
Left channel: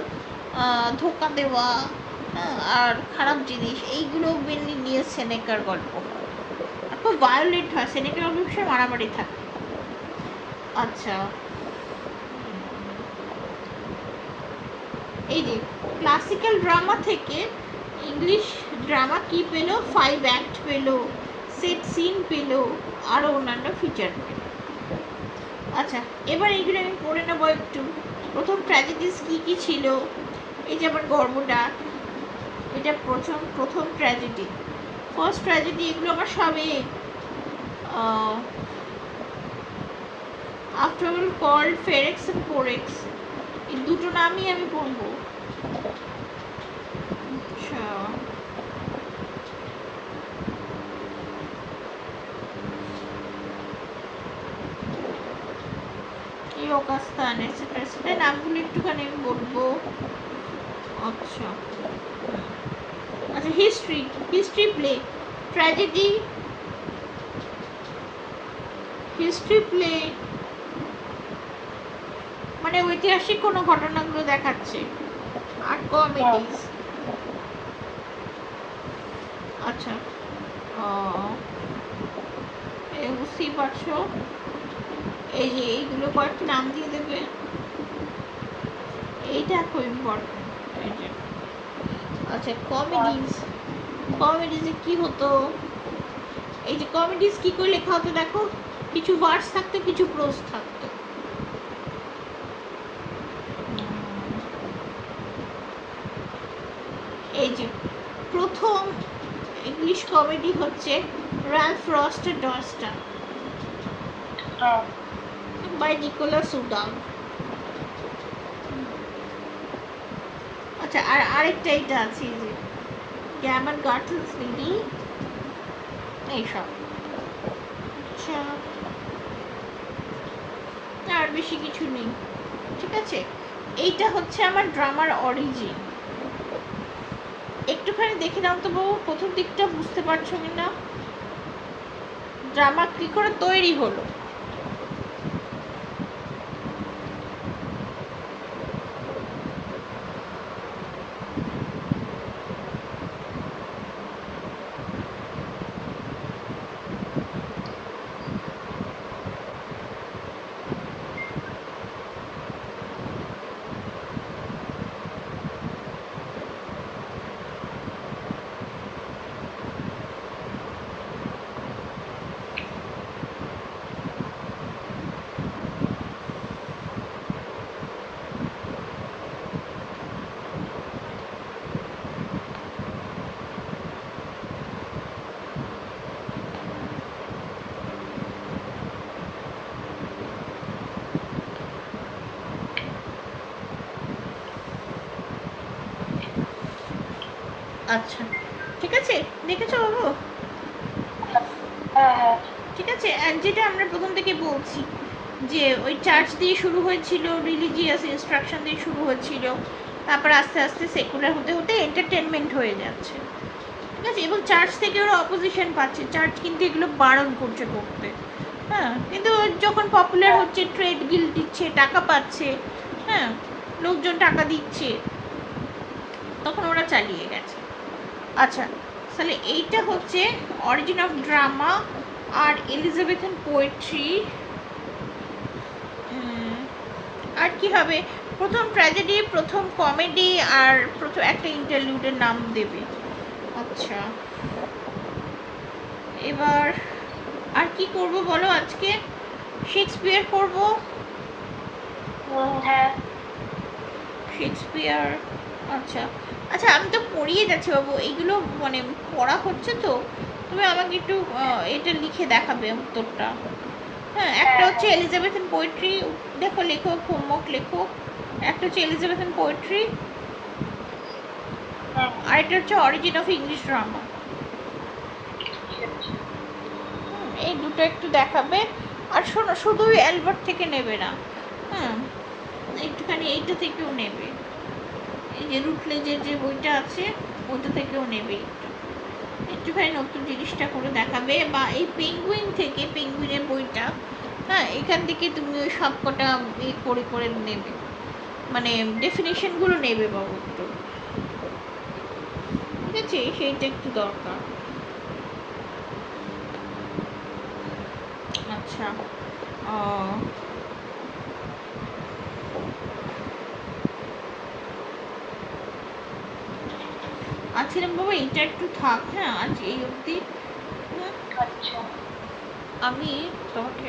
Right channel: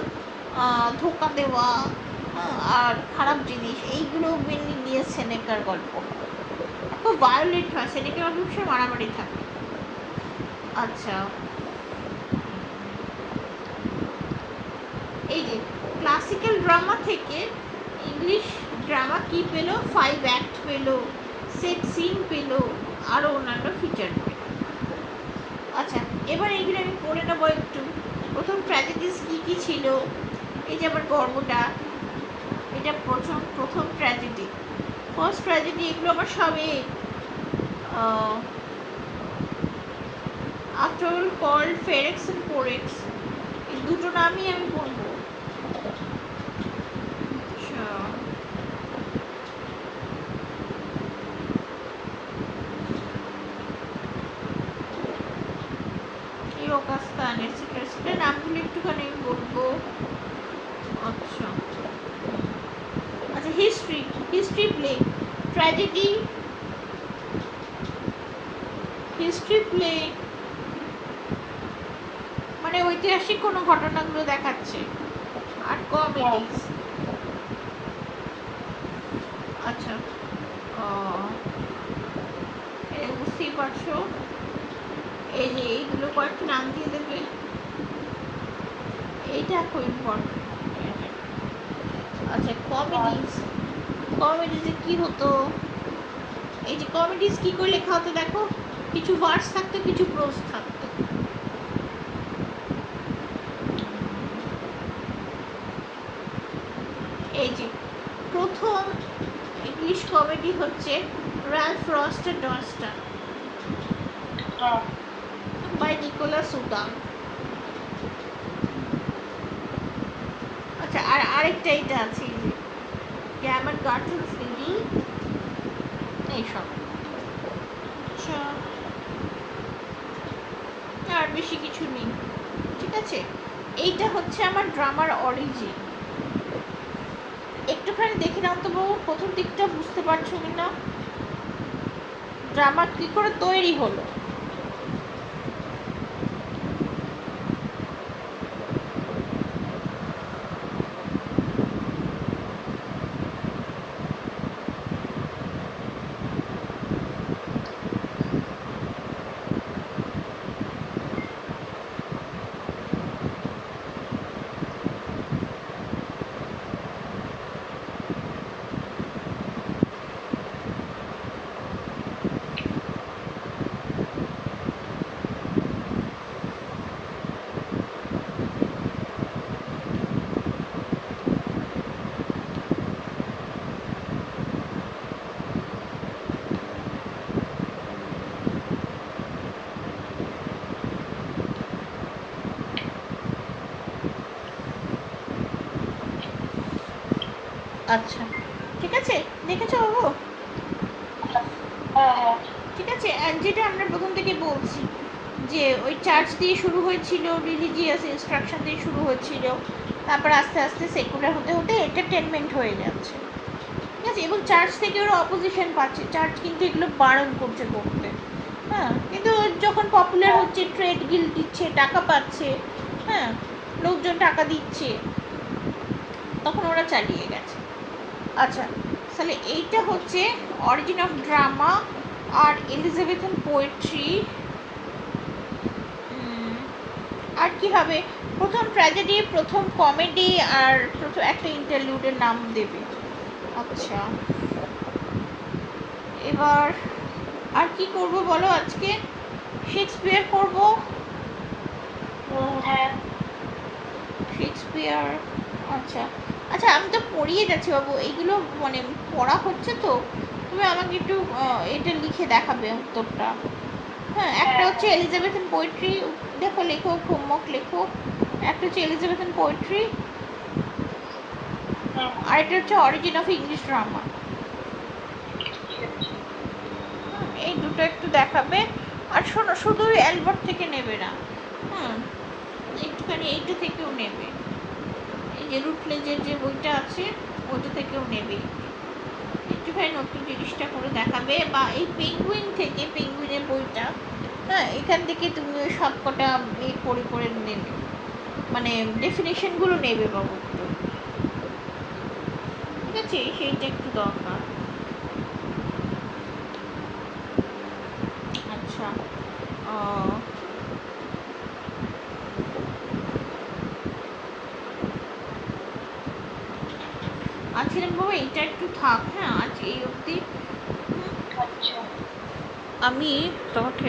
ধোকা দেওয়া, আর খারাপ জিনিস, এইগুলো মেনলি নিয়ে সেনেকার গল্প। খুব ভায়োলেন্ট হয় সেনেকার গল্প, বিষয়ে মারামারি থাকে। আচ্ছা, এই যে ক্লাসিক্যাল ড্রামা থেকে ইংলিশ ড্রামা কি পেলো, 5 অ্যাক্ট পেলো, সেট সিন পেলো, আরও অন্যান্য ফিচার পেলো। আচ্ছা, এবার এইগুলো আমি পড়ে নেবো একটু। প্রথম ট্র্যাজেডিস কী কী ছিল, এই যে আমার গর্বটা, এটা প্রথম ট্র্যাজেডি, ফার্স্ট ট্র্যাজেডি, এগুলো আমার সবে আফটার অল কল্ড ফেরেক্স অ্যান্ড পোরেক্স, এই দুটো নামই আমি বলবো। আচ্ছা, ইয়োকাস্তান এটসেট্রা, সেটা নামগুলো একটুখানি আমি বলবো। আচ্ছা আচ্ছা, history play, tragedy, history play মানে ঐতিহাসিক কোনো ঘটনাগুলো দেখাচ্ছে, আর কমেডিজ। আচ্ছা, বুঝতেই পারছো, এই যে এইগুলো কয়েকটা নাম দিয়ে দেবে, এইটা খুব ইম্পর্টেন্ট। আচ্ছা, কমেডিজে কি হতো, এই যে কমেডিজ কি করে লেখা হতো দেখো, কিছু ভার্স থাকতো, কিছু প্রোজ থাকতো। এই যে প্রথম ইংলিশ কমেডি হচ্ছে র্যালফ রস্টার ডস্টার বাই নিকোলাস উডাম। আচ্ছা, আর আরেকটা এইটা আছে, গ্যামার গার্টেলস লিডল, এইসব। আচ্ছা, আর বেশি কিছু নেই, ঠিক আছে। এইটা হচ্ছে আমার ড্রামার অরিজিন। একটুখানি দেখে নাও তো বাবু, প্রথম দিকটা বুঝতে পারছো না, ড্রামা কি করে তৈরি হলো। আচ্ছা, ঠিক আছে, দেখেছো বাবু? ঠিক আছে, যেটা আমরা প্রথম থেকে বলছি যে ওই চার্চ দিয়ে শুরু হয়েছিল, রিলিজিয়াস ইনস্ট্রাকশন দিয়ে শুরু হয়েছিল, তারপর আস্তে আস্তে সেকুলার হতে হতে এন্টারটেনমেন্ট হয়ে যাচ্ছে, ঠিক আছে। এবং চার্চ থেকে ওরা অপোজিশন পাচ্ছে, চার্চ কিন্তু এগুলো বারণ করছে করতে, হ্যাঁ, কিন্তু যখন পপুলার হচ্ছে, ট্রেড গিল্ড দিচ্ছে, টাকা পাচ্ছে, হ্যাঁ, লোকজন টাকা দিচ্ছে, তখন ওরা চালিয়ে গেছে। আচ্ছা, তাহলে এইটা হচ্ছে অরিজিন অফ ড্রামা আর এলিজাবেথান পোয়েট্রি। আর কি হবে, প্রথম ট্র্যাজেডি, প্রথম কমেডি, আর প্রথম একটা ইন্টারলুডের নাম দেবে। আচ্ছা, এবার আর কি করব বলো আজকে? শেক্সপিয়ার করব। হ্যাঁ, শেক্সপিয়ার। আচ্ছা আচ্ছা, আমি তো পড়িয়ে যাচ্ছি বাবু, এইগুলো মানে পড়া হচ্ছে তো, তুমি আমাকে একটু এটা লিখে দেখাবে উত্তরটা। হ্যাঁ, একটা হচ্ছে এলিজাবেথান পোয়েট্রি, দেখো লেখো, হোমওয়ার্ক লেখো। একটা হচ্ছে এলিজাবেথান পোয়েট্রি, আর এটা হচ্ছে অরিজিন অফ ইংলিশ ড্রামা। এই দুটো একটু দেখাবে। আর শোনো, শুধু অ্যালবার্ট থেকে নেবে না, হুম, একটুখানি এইটা থেকেও নেবে, এই যে রুটলেজের যে বইটা আছে ওইটা থেকেও নেবে, একটুখানি নতুন জিনিসটা করে দেখাবে। বা এই পেঙ্গুইন থেকে, পেঙ্গুইনের বইটা, হ্যাঁ, এখান থেকে তুমি ওই সব কটা করে করে নেবে, মানে ডেফিনেশনগুলো নেবে বাবু একটু, ঠিক আছে? সেইটা একটু দরকার। আচ্ছা, ও আচ্ছা বাবা, এটা একটু থাক, হ্যাঁ, আজ এই অবধি। আচ্ছা। আমি তোমাকে